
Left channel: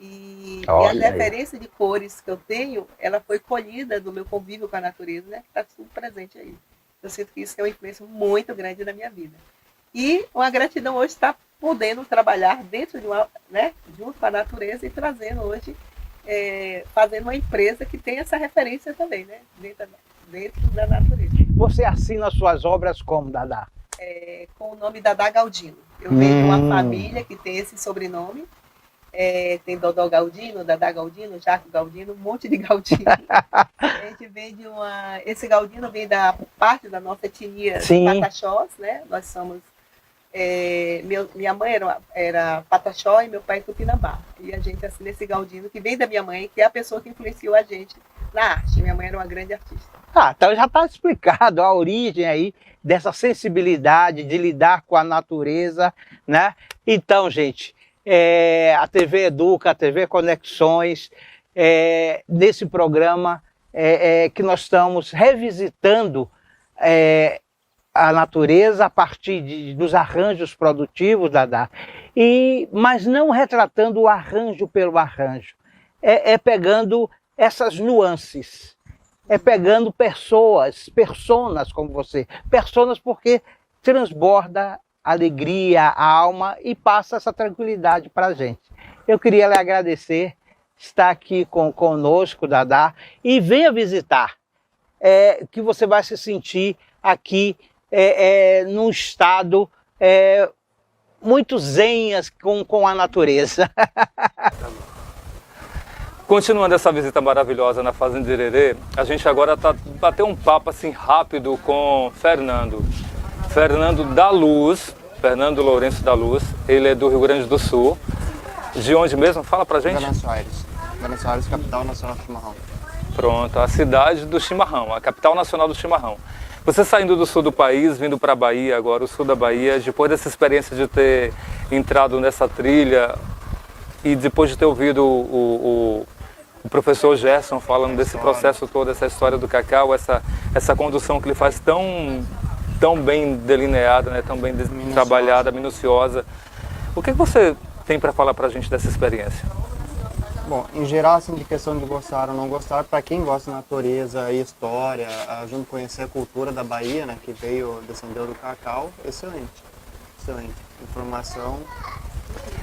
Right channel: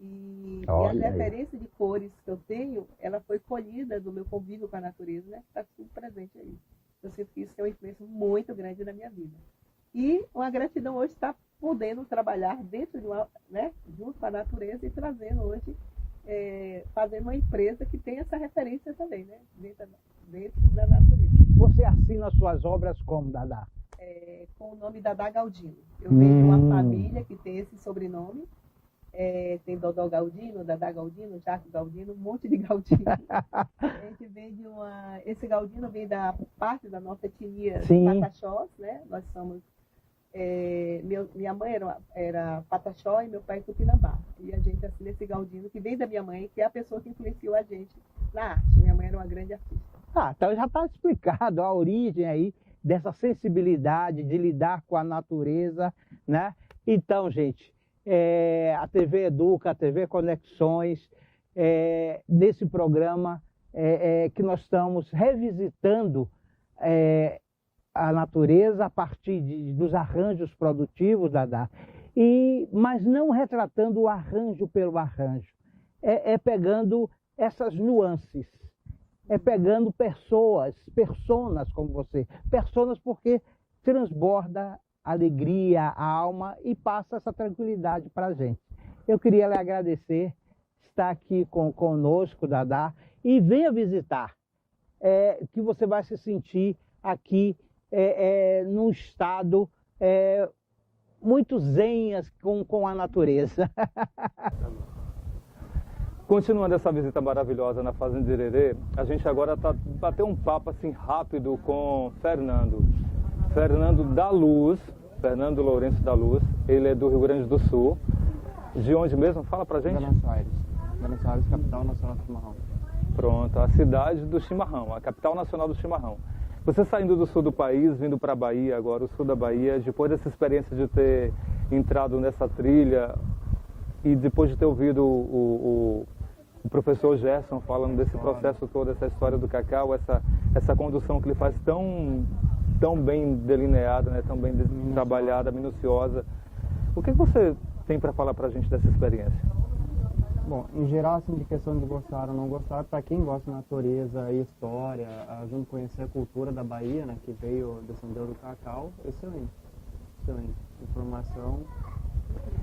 e a referência de cores que eu tenho, ela foi colhida do meu convívio com a natureza, né? Está tudo presente aí. Eu sinto que isso é uma influência muito grande na minha vida. E uma gratidão hoje está podendo trabalhar dentro de né, junto com a natureza e trazendo hoje, fazendo uma empresa que tem essa referência também, né, dentro da natureza. Você assina suas obras como, Dadá? Com o nome Dadá Galdino. Eu venho de uma família que tem esse sobrenome. Tem Dodó Galdino, Dadá Galdino, Jaco Galdino, um monte de Galdino. A gente vem de esse Galdino vem da parte da nossa etnia Pataxós, né? Nós somos... minha mãe era Pataxó e meu pai Tupinambá. E a gente assina esse Galdino, que vem da minha mãe, que é a pessoa que influenciou a gente na arte. Minha mãe era uma grande artista. Então já está explicado a origem aí dessa sensibilidade de lidar com a natureza, né? Então, gente, a TV Educa, a TV Conexões, nesse programa que nós estamos revisitando a natureza a partir dos arranjos produtivos, Dadá, mas não retratando o arranjo pelo arranjo, pegando essas nuances, pegando personas como você, personas porque transborda alegria, a alma e passa essa tranquilidade para a gente. Eu queria lhe agradecer, estar aqui conosco, Dadá, e venha visitar, que você vai se sentir aqui num estado muito zen com a natureza. Continuando essa visita maravilhosa na Fazenda Irerê, a gente agora bateu um papo assim rápido com Fernando da Luz, Fernando Lourenço da Luz. Ele é do Rio Grande do Sul. De onde mesmo? Fala pra gente. Venâncio Aires, capital nacional do chimarrão. Pronto, a cidade do chimarrão, a capital nacional do chimarrão. Você saindo do sul do país, vindo para a Bahia agora, o sul da Bahia, depois dessa experiência de ter entrado nessa trilha e depois de ter ouvido o professor Gerson falando desse processo todo, essa história do cacau, essa condução que ele faz tão bem delineada, né, tão bem trabalhada, minuciosa. O que você tem para falar para a gente dessa experiência? Bom, em geral, assim, de questão de gostar ou não gostar, para quem gosta de natureza e história, junto conhecer a cultura da Bahia, né, que descendeu do cacau, excelente. Informação.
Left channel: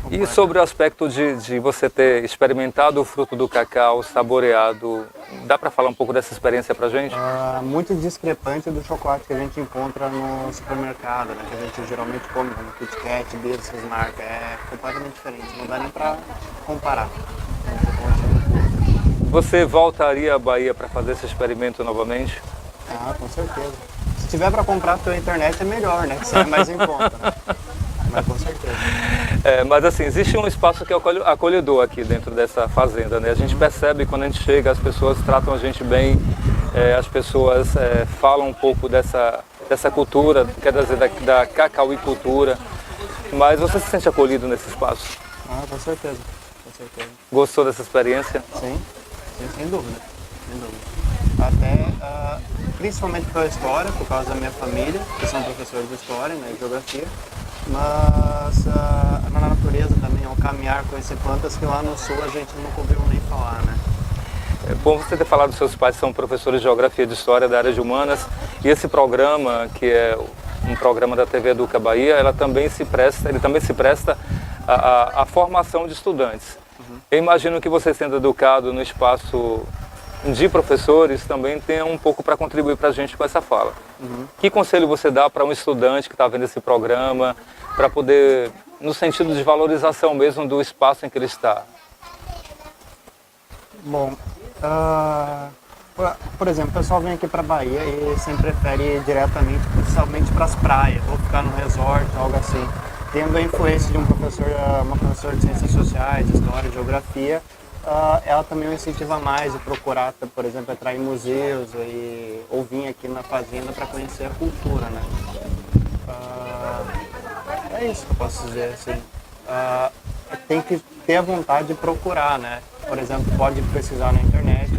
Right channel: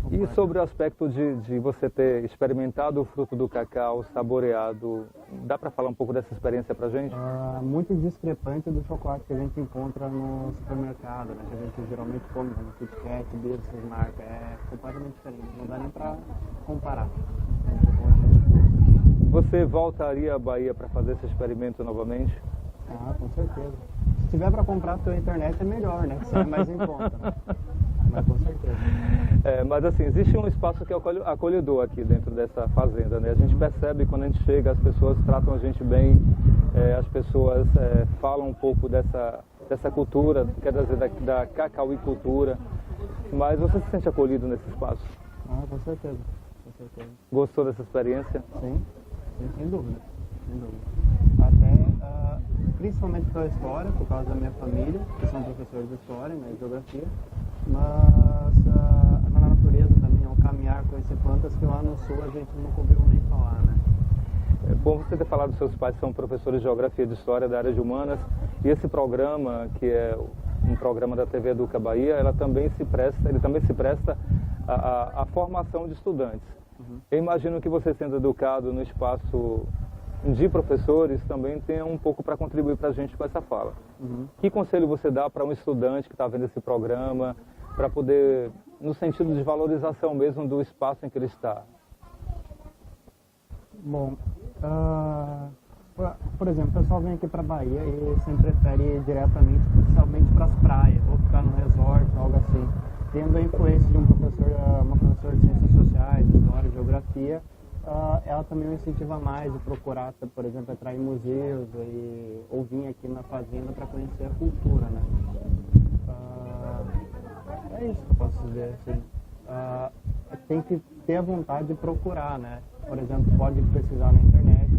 E sobre o aspecto de você ter experimentado o fruto do cacau, saboreado, dá para falar um pouco dessa experiência para a gente? Muito discrepante do chocolate que a gente encontra no supermercado, né, que a gente geralmente come no Kit Kat, essas marcas, é completamente diferente, não dá nem para comparar. Você voltaria à Bahia para fazer esse experimento novamente? Com certeza. Se tiver para comprar pela internet é melhor, né, que sai mais em conta, né? Mas com certeza. Mas assim, existe um espaço que é acolhedor aqui dentro dessa fazenda, né? A gente percebe quando a gente chega, as pessoas tratam a gente bem, as pessoas falam um pouco dessa cultura, quer dizer, da cacauicultura, mas você se sente acolhido nesse espaço? Com certeza. Gostou dessa experiência? Sim, sem dúvida. Até, principalmente pela história, por causa da minha família, que são professores de história, né, de geografia, mas na natureza também, ao caminhar, conhecer plantas que lá no sul a gente nunca ouviu nem falar, né? É bom você ter falado, seus pais são professores de Geografia e de História da área de Humanas, e esse programa, que é um programa da TV Educa Bahia, ele também se presta à formação de estudantes. Eu imagino que você, sendo educado no espaço de professores, também tenha um pouco para contribuir para a gente com essa fala. Que conselho você dá para um estudante que está vendo esse programa, para poder, no sentido de valorização mesmo do espaço em que ele está? Bom, por exemplo, o pessoal vem aqui para Bahia e sempre prefere ir diretamente, principalmente para as praias, ou ficar no resort, algo assim. Tendo a influência de uma professora de Ciências Sociais, História, Geografia, ela também o incentiva mais a procurar, por exemplo, entrar em museus ou vir aqui na fazenda para conhecer a cultura, né? É isso que eu posso dizer, assim. Tem que ter a vontade de procurar, né? Por exemplo, pode pesquisar na internet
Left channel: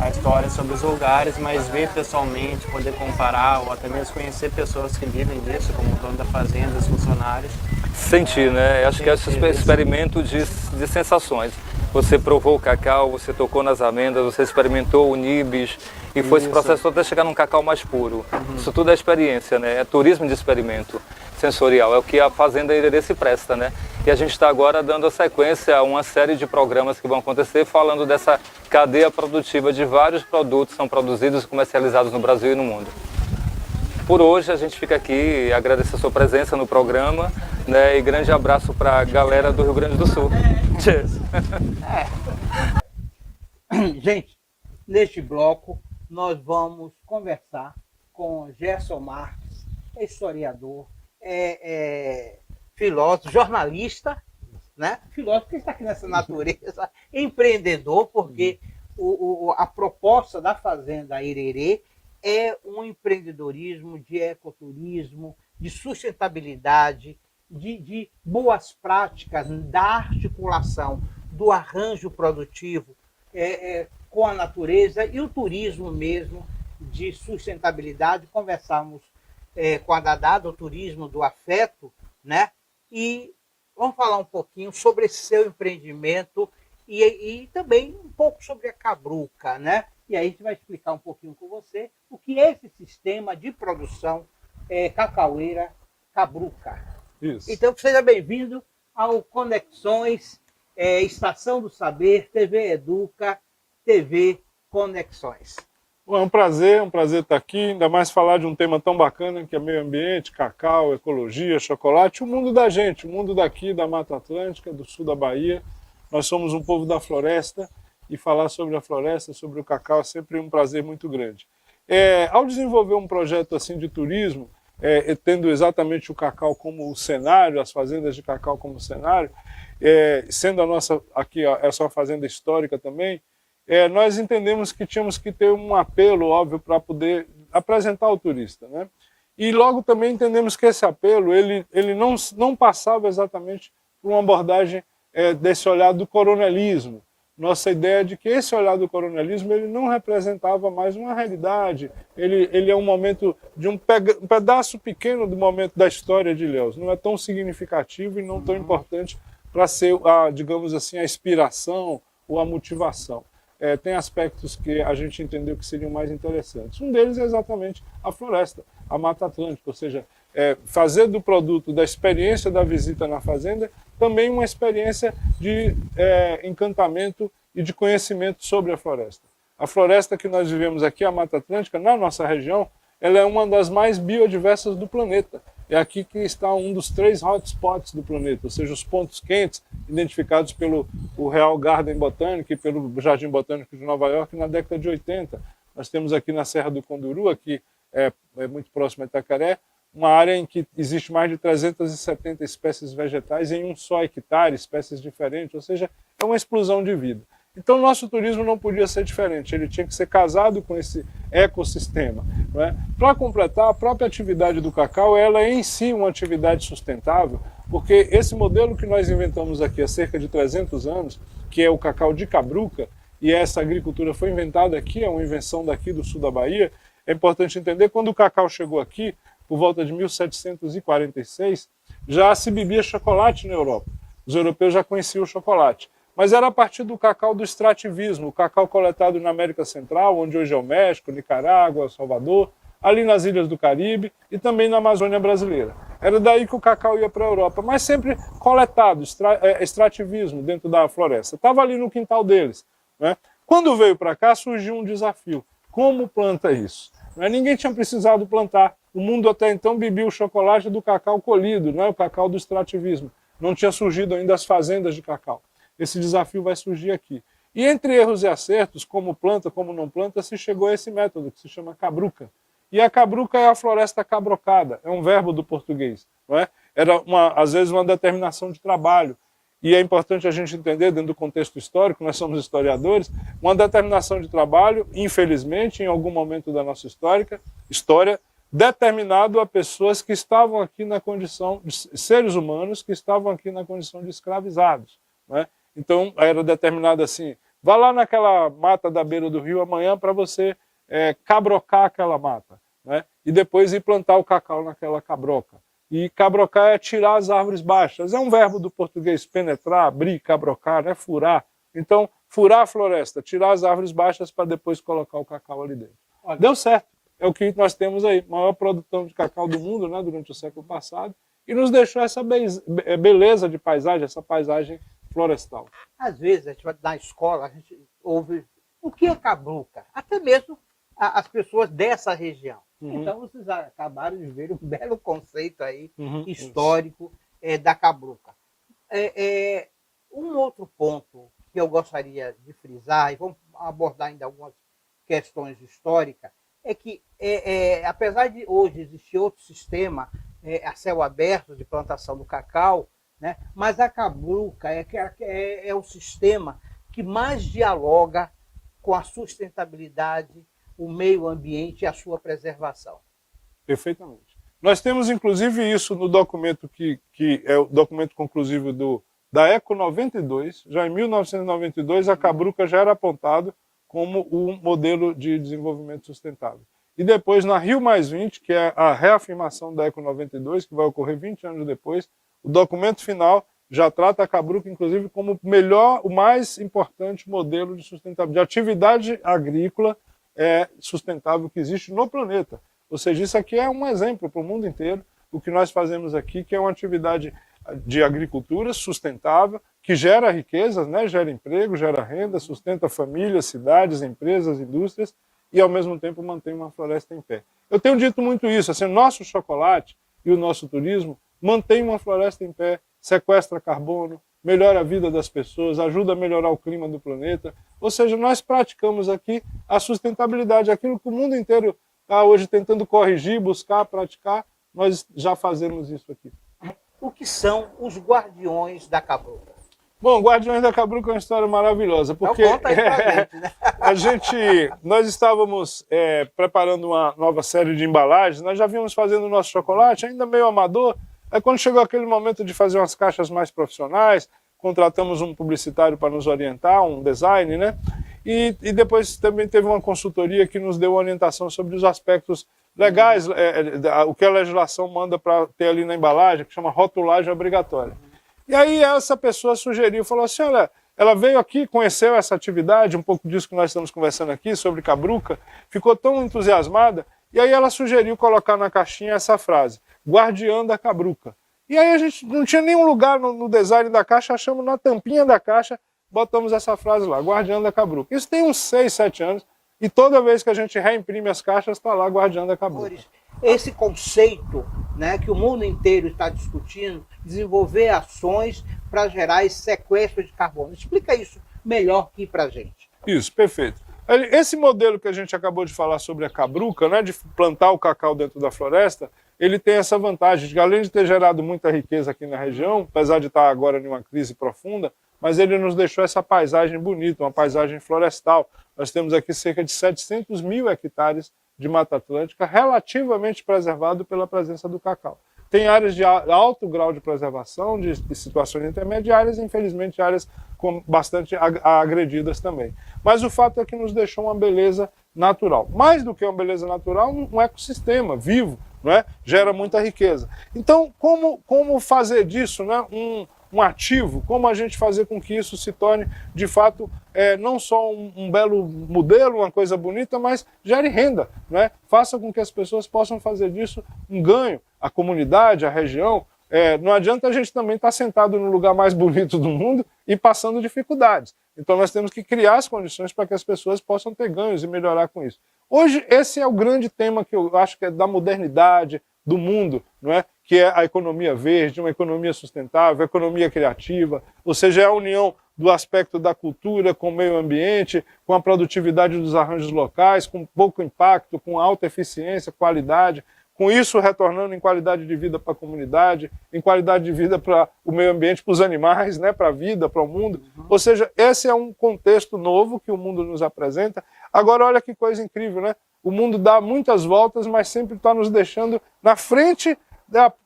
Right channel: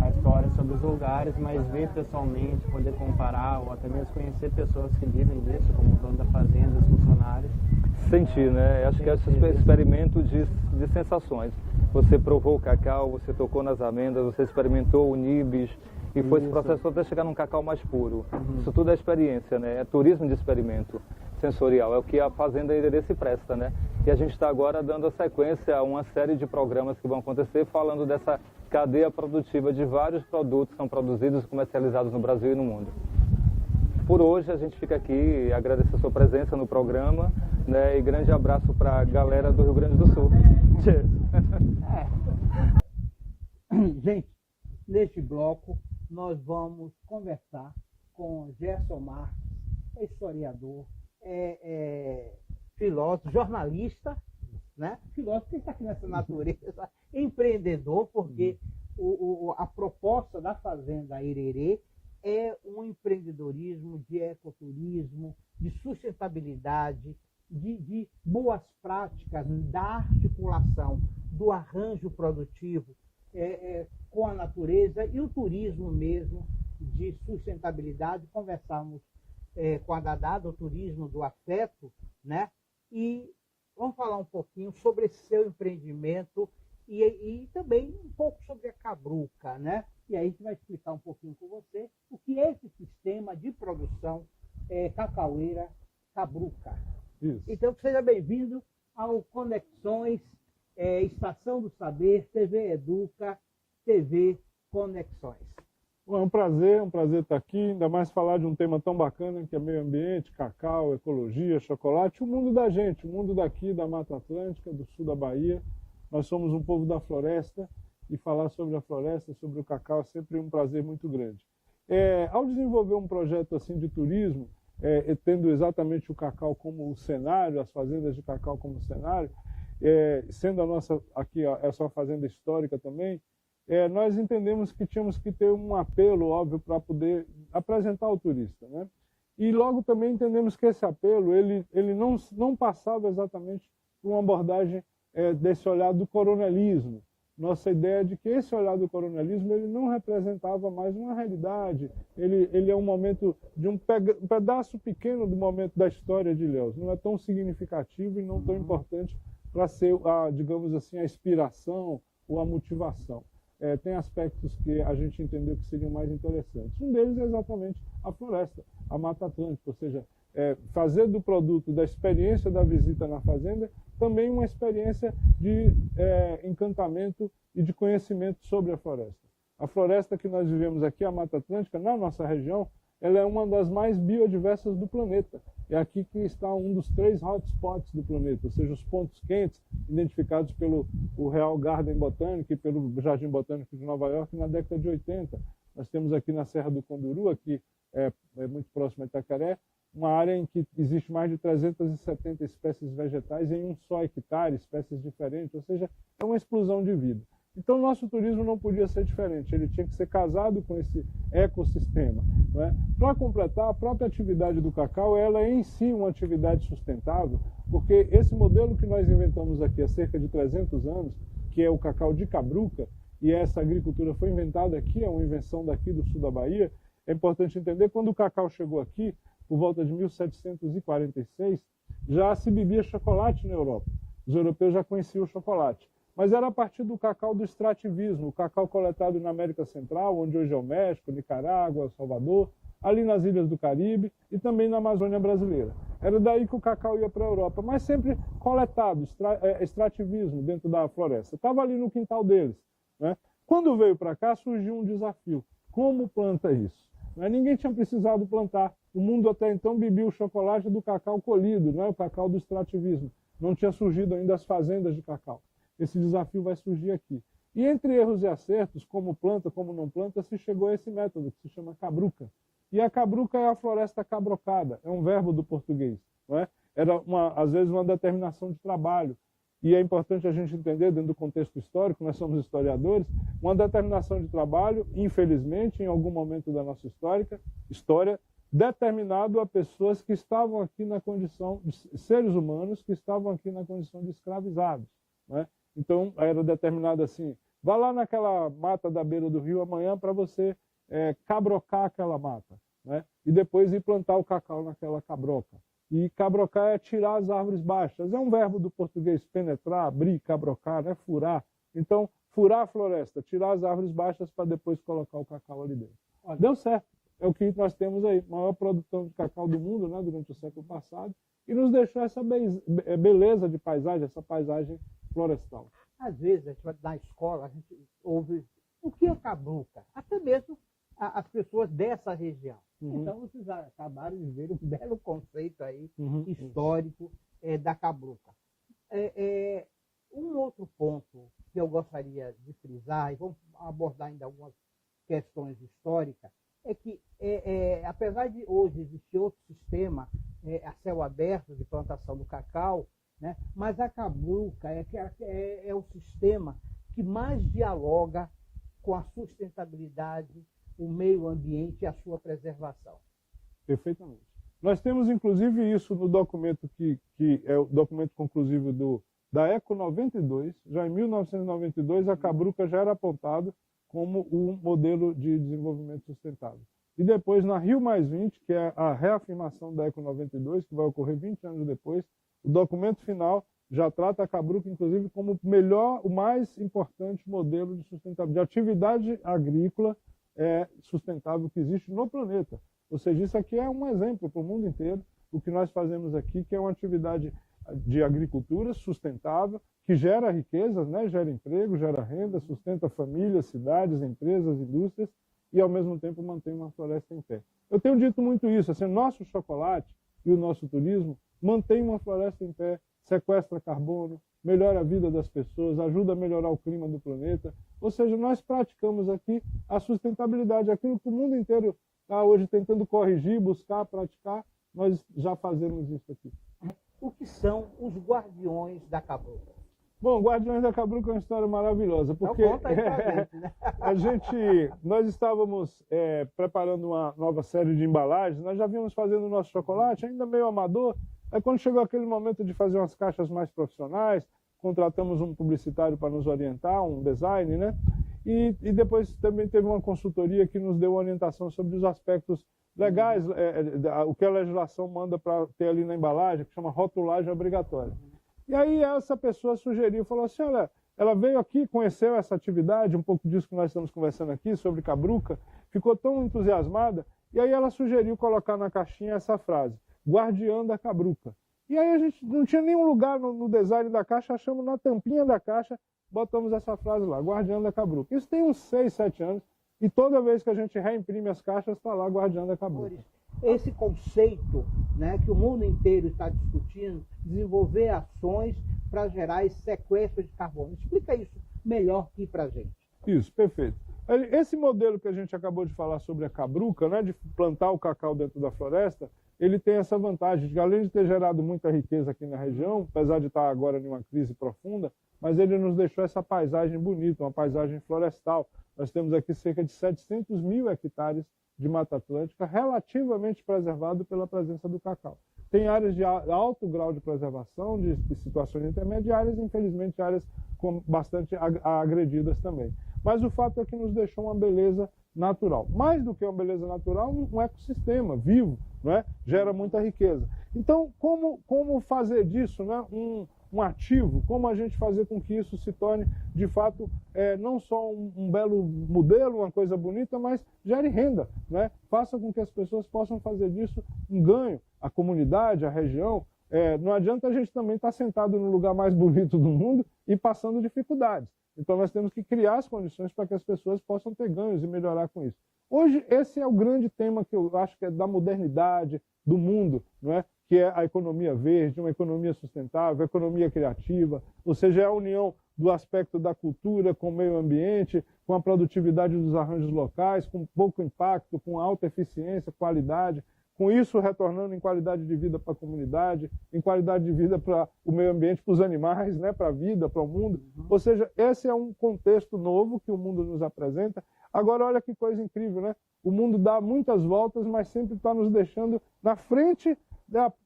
a história sobre os lugares, mas ver pessoalmente, poder comparar ou até mesmo conhecer pessoas que vivem disso, como o dono da fazenda, os funcionários. Sentir, né? Acho que é esse experimento de sensações. Você provou o cacau, você tocou nas amêndoas, você experimentou o nibs e foi esse processo todo até chegar num cacau mais puro. Isso tudo é experiência, né? É turismo de experimento sensorial, é o que a Fazenda Irerê se presta, né? E a gente está agora dando a sequência a uma série de programas que vão acontecer falando dessa cadeia produtiva de vários produtos que são produzidos e comercializados no Brasil e no mundo. Por hoje a gente fica aqui e agradece a sua presença no programa, né? E grande abraço para a galera do Rio Grande do Sul. Cheers! Gente, neste bloco nós vamos conversar com Gerson Marques, historiador, filósofo, jornalista, né? Filósofo que está aqui nessa natureza, empreendedor, porque a proposta da Fazenda Irerê é um empreendedorismo de ecoturismo, de sustentabilidade, de boas práticas da articulação do arranjo produtivo com a natureza e o turismo mesmo de sustentabilidade. Conversamos com a Dadá, do turismo do afeto, né? E vamos falar um pouquinho sobre esse seu empreendimento e também um pouco sobre a Cabruca, né? E aí a gente vai explicar um pouquinho com você o que é esse sistema de produção cacaueira Cabruca. Isso. Então, seja bem-vindo ao Conexões, Estação do Saber, TV Educa, TV Conexões. Bom, é um prazer estar aqui, ainda mais falar de um tema tão bacana que é meio ambiente, cacau, ecologia, chocolate, o mundo da gente, o mundo daqui da Mata Atlântica, do sul da Bahia. Nós somos um povo da floresta e falar sobre a floresta, sobre o cacau é sempre um prazer muito grande. Ao desenvolver um projeto assim de turismo, tendo exatamente o cacau como o cenário, as fazendas de cacau como cenário, sendo a nossa aqui essa uma fazenda histórica também, nós entendemos que tínhamos que ter um apelo óbvio para poder apresentar ao turista, né? E logo também entendemos que esse apelo ele não passava exatamente por uma abordagem desse olhar do coronelismo. Nossa ideia é de que esse olhar do coronelismo ele não representava mais uma realidade, ele é um momento de um pedaço pequeno do momento da história de Ilhéus, não é tão significativo e não tão importante para ser, digamos assim, a inspiração ou a motivação. Tem aspectos que a gente entendeu que seriam mais interessantes. Um deles é exatamente a floresta, a Mata Atlântica, ou seja, fazer do produto, da experiência da visita na fazenda, também uma experiência de encantamento e de conhecimento sobre a floresta. A floresta que nós vivemos aqui, a Mata Atlântica, na nossa região, ela é uma das mais biodiversas do planeta. É aqui que está um dos 3 hotspots do planeta, ou seja, os pontos quentes identificados pelo Real Garden Botânico e pelo Jardim Botânico de Nova York na década de 80. Nós temos aqui na Serra do Conduru, aqui é muito próximo a Itacaré, uma área em que existe mais de 370 espécies vegetais em um só hectare, espécies diferentes, ou seja, é uma explosão de vida. Então, o nosso turismo não podia ser diferente, ele tinha que ser casado com esse ecossistema. Para completar, a própria atividade do cacau, ela é em si uma atividade sustentável, porque esse modelo que nós inventamos aqui há cerca de 300 anos, que é o cacau de Cabruca, e essa agricultura foi inventada aqui, é uma invenção daqui do sul da Bahia, é importante entender, quando o cacau chegou aqui, por volta de 1746, já se bebia chocolate na Europa. Os europeus já conheciam o chocolate. Mas era a partir do cacau do extrativismo, o cacau coletado na América Central, onde hoje é o México, Nicarágua, Salvador, ali nas ilhas do Caribe e também na Amazônia brasileira. Era daí que o cacau ia para a Europa, mas sempre coletado, extrativismo dentro da floresta. Estava ali no quintal deles, né? Quando veio para cá, surgiu um desafio. Como planta isso? Ninguém tinha precisado plantar. O mundo até então bebia o chocolate do cacau colhido, né? O cacau do extrativismo. Não tinha surgido ainda as fazendas de cacau. Esse desafio vai surgir aqui. E entre erros e acertos, como planta, como não planta, se chegou a esse método, que se chama cabruca. E a cabruca é a floresta cabrocada, é um verbo do português. Não é? Era, às vezes, uma determinação de trabalho. E é importante a gente entender, dentro do contexto histórico, nós somos historiadores, uma determinação de trabalho, infelizmente, em algum momento da nossa história, determinado a pessoas que estavam aqui na condição de seres humanos, que estavam aqui na condição de escravizados. Não é? Então, era determinado assim, vá lá naquela mata da beira do rio amanhã para você cabrocar aquela mata, né? E depois ir plantar o cacau naquela cabroca. E cabrocar é tirar as árvores baixas. É um verbo do português, penetrar, abrir, cabrocar, né? Furar. Então, furar a floresta, tirar as árvores baixas para depois colocar o cacau ali dentro. Olha, deu certo. É o que nós temos aí, maior produção de cacau do mundo, né, durante o século passado, e nos deixou essa beleza de paisagem, essa paisagem florestal. Às vezes, a gente vai na escola, a gente ouve o que é cabruca, até mesmo as pessoas dessa região. Então, vocês acabaram de ver um belo conceito aí, histórico, da cabruca. Um outro ponto que eu gostaria de frisar, e vamos abordar ainda algumas questões históricas, é que, apesar de hoje existir outro sistema a céu aberto de plantação do cacau, né, mas a cabruca é o sistema que mais dialoga com a sustentabilidade, o meio ambiente e a sua preservação. Perfeitamente. Nós temos, inclusive, isso no documento que é o documento conclusivo da ECO 92. Já em 1992, a cabruca já era apontado como um modelo de desenvolvimento sustentável. E depois, na Rio+20, que é a reafirmação da ECO 92, que vai ocorrer 20 anos depois, o documento final já trata a cabruca, inclusive, como o mais importante modelo de sustentabilidade, de atividade agrícola sustentável que existe no planeta. Ou seja, isso aqui é um exemplo para o mundo inteiro, o que nós fazemos aqui, que é uma atividade de agricultura sustentável, que gera riquezas, né? Gera emprego, gera renda, sustenta famílias, cidades, empresas, indústrias, e ao mesmo tempo mantém uma floresta em pé. Eu tenho dito muito isso, assim, nosso chocolate e o nosso turismo mantém uma floresta em pé, sequestra carbono, melhora a vida das pessoas, ajuda a melhorar o clima do planeta. Ou seja, nós praticamos aqui a sustentabilidade, aquilo que o mundo inteiro está hoje tentando corrigir, buscar, praticar, nós já fazemos isso aqui. O que são os guardiões da cabruca? Bom, Guardiões da Cabruca é uma história maravilhosa, porque então, conta aí pra gente, né? nós estávamos preparando uma nova série de embalagens, nós já vínhamos fazendo o nosso chocolate, ainda meio amador. Aí quando chegou aquele momento de fazer umas caixas mais profissionais, contratamos um publicitário para nos orientar, um design, né? E depois também teve uma consultoria que nos deu orientação sobre os aspectos legais, o que a legislação manda para ter ali na embalagem, que chama rotulagem obrigatória. E aí essa pessoa sugeriu, falou assim, olha, ela veio aqui, conheceu essa atividade, um pouco disso que nós estamos conversando aqui, sobre cabruca, ficou tão entusiasmada, e aí ela sugeriu colocar na caixinha essa frase, guardiã da cabruca. E aí a gente não tinha nenhum lugar no design da caixa, achamos na tampinha da caixa, botamos essa frase lá, guardiã da cabruca. Isso tem uns 6, 7 anos, e toda vez que a gente reimprime as caixas, está lá guardiã da cabruca. Esse conceito, né, que o mundo inteiro está discutindo, desenvolver ações para gerar esse sequestro de carbono. Explica isso melhor aqui para a gente. Isso, perfeito. Esse modelo que a gente acabou de falar sobre a cabruca, né, de plantar o cacau dentro da floresta, ele tem essa vantagem de que, além de ter gerado muita riqueza aqui na região, apesar de estar agora em uma crise profunda, mas ele nos deixou essa paisagem bonita, uma paisagem florestal. Nós temos aqui cerca de 700 mil hectares de Mata Atlântica relativamente preservado pela presença do cacau. Tem áreas de alto grau de preservação, de situações intermediárias, e infelizmente áreas bastante agredidas também. Mas o fato é que nos deixou uma beleza natural. Mais do que uma beleza natural, um ecossistema vivo, não é? Gera muita riqueza. Então, como fazer disso, né, um ativo, como a gente fazer com que isso se torne, de fato, não só um belo modelo, uma coisa bonita, mas gere renda, né? Faça com que as pessoas possam fazer disso um ganho, a comunidade, a região. Não adianta a gente também estar sentado no lugar mais bonito do mundo e passando dificuldades. Então nós temos que criar as condições para que as pessoas possam ter ganhos e melhorar com isso. Hoje esse é o grande tema que eu acho que é da modernidade, do mundo, não é? Que é a economia verde, uma economia sustentável, a economia criativa, ou seja, é a união do aspecto da cultura com o meio ambiente, com a produtividade dos arranjos locais, com pouco impacto, com alta eficiência, qualidade, com isso retornando em qualidade de vida para a comunidade, em qualidade de vida para o meio ambiente, para os animais, né, para a vida, para o mundo. Ou seja, esse é um contexto novo que o mundo nos apresenta. Agora, olha que coisa incrível, né? O mundo dá muitas voltas, mas sempre está nos deixando na frente,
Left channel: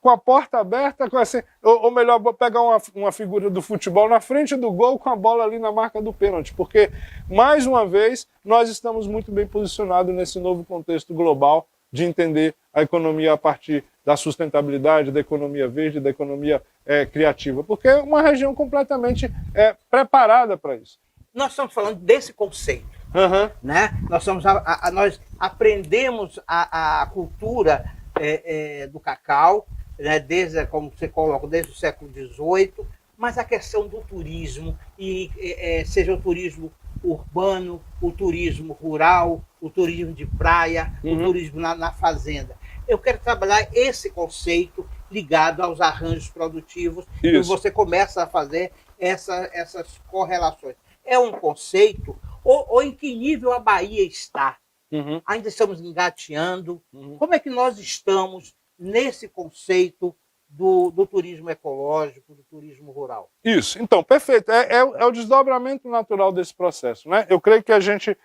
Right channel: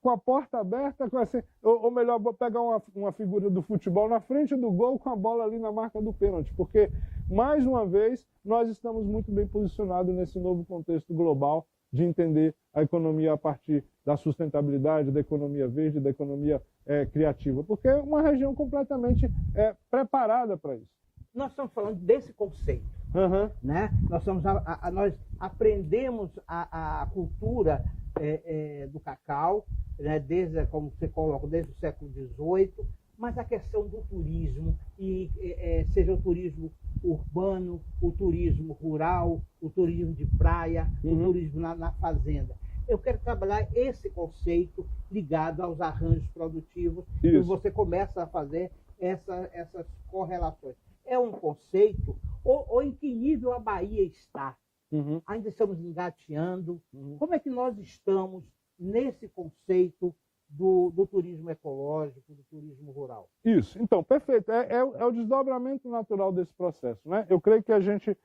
com a porta aberta, assim, ou melhor, vou pegar uma figura do futebol na frente do gol com a bola ali na marca do pênalti, porque, mais uma vez, nós estamos muito bem posicionados nesse novo contexto global de entender a economia a partir da sustentabilidade, da economia verde, da economia criativa, porque é uma região completamente preparada para isso. Nós estamos falando desse conceito, né? Nós aprendemos a cultura do cacau, né? Desde, como você coloca, desde o século XVIII, mas a questão do turismo, seja o turismo urbano, o turismo rural, o turismo de praia, o turismo na fazenda. Eu quero trabalhar esse conceito ligado aos arranjos produtivos, e você começa a fazer essas correlações. É um conceito, ou em que nível a Bahia está? Ainda estamos engateando. Como é que nós estamos nesse conceito do turismo ecológico, do turismo rural? Isso, então, perfeito. É o desdobramento natural desse processo, né? Eu creio que a gente,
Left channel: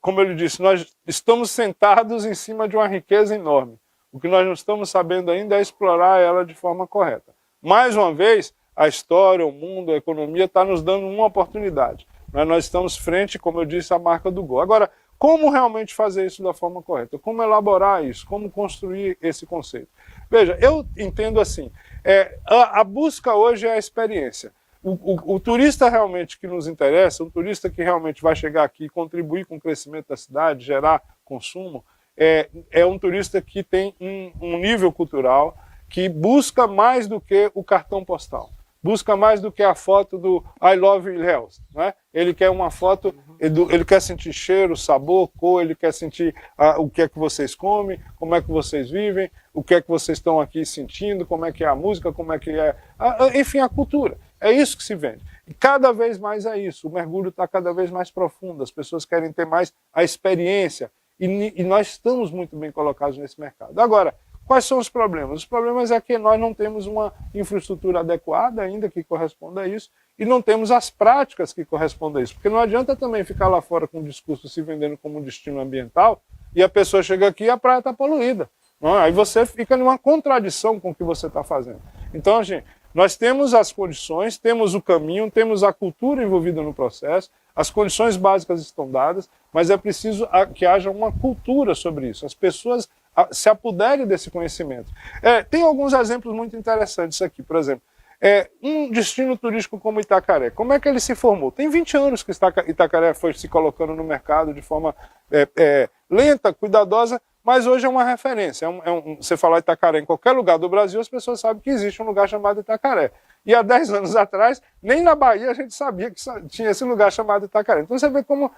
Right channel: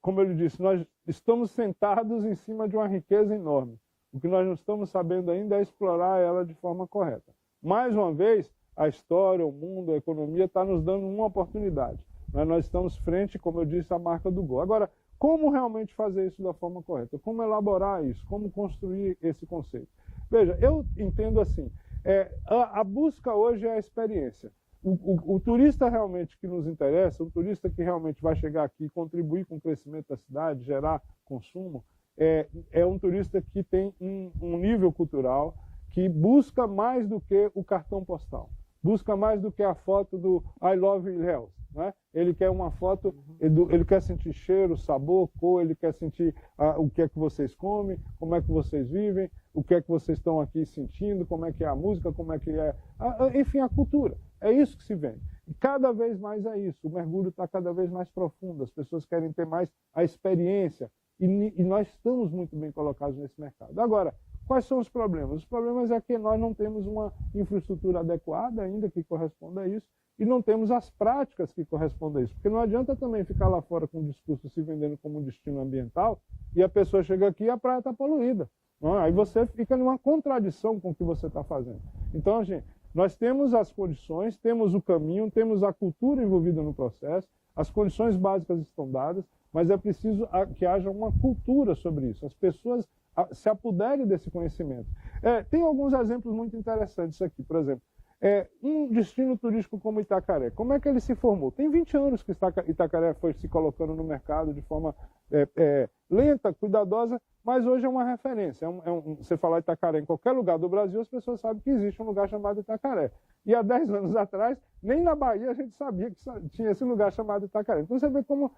como eu lhe disse, nós estamos sentados em cima de uma riqueza enorme. O que nós não estamos sabendo ainda é explorar ela de forma correta. Mais uma vez, a história, o mundo, a economia está nos dando uma oportunidade. Nós estamos frente, como eu disse, à marca do gol. Agora, como realmente fazer isso da forma correta? Como elaborar isso? Como construir esse conceito? Veja, eu entendo assim, a busca hoje é a experiência. O turista realmente que nos interessa, o turista que realmente vai chegar aqui e contribuir com o crescimento da cidade, gerar consumo, é um turista que tem um nível cultural que busca mais do que o cartão postal. Busca mais do que a foto do I Love Ilhéus, né? Ele quer uma foto, ele quer sentir cheiro, sabor, cor, ele quer sentir o que é que vocês comem, como é que vocês vivem, o que é que vocês estão aqui sentindo, como é que é a música, como é que é, enfim, a cultura. É isso que se vende. E cada vez mais é isso, o mergulho está cada vez mais profundo, as pessoas querem ter mais a experiência, e nós estamos muito bem colocados nesse mercado. Agora, quais são os problemas? Os problemas é que nós não temos uma infraestrutura adequada ainda que corresponda a isso e não temos as práticas que correspondam a isso. Porque não adianta também ficar lá fora com um discurso se vendendo como um destino ambiental e a pessoa chega aqui e a praia está poluída. Não é? Aí você fica numa contradição com o que você está fazendo. Então, gente, nós temos as condições, temos o caminho, temos a cultura envolvida no processo, as condições básicas estão dadas, mas é preciso que haja uma cultura sobre isso. As pessoas se apoderem desse conhecimento. Tem alguns exemplos muito interessantes aqui, por exemplo. Um destino turístico como Itacaré, como é que ele se formou? Tem 20 anos que Itacaré foi se colocando no mercado de forma lenta, cuidadosa, mas hoje é uma referência. Você falar Itacaré em qualquer lugar do Brasil, as pessoas sabem que existe um lugar chamado Itacaré. E há 10 anos atrás, nem na Bahia a gente sabia que tinha esse lugar chamado Itacaré. Então você vê como...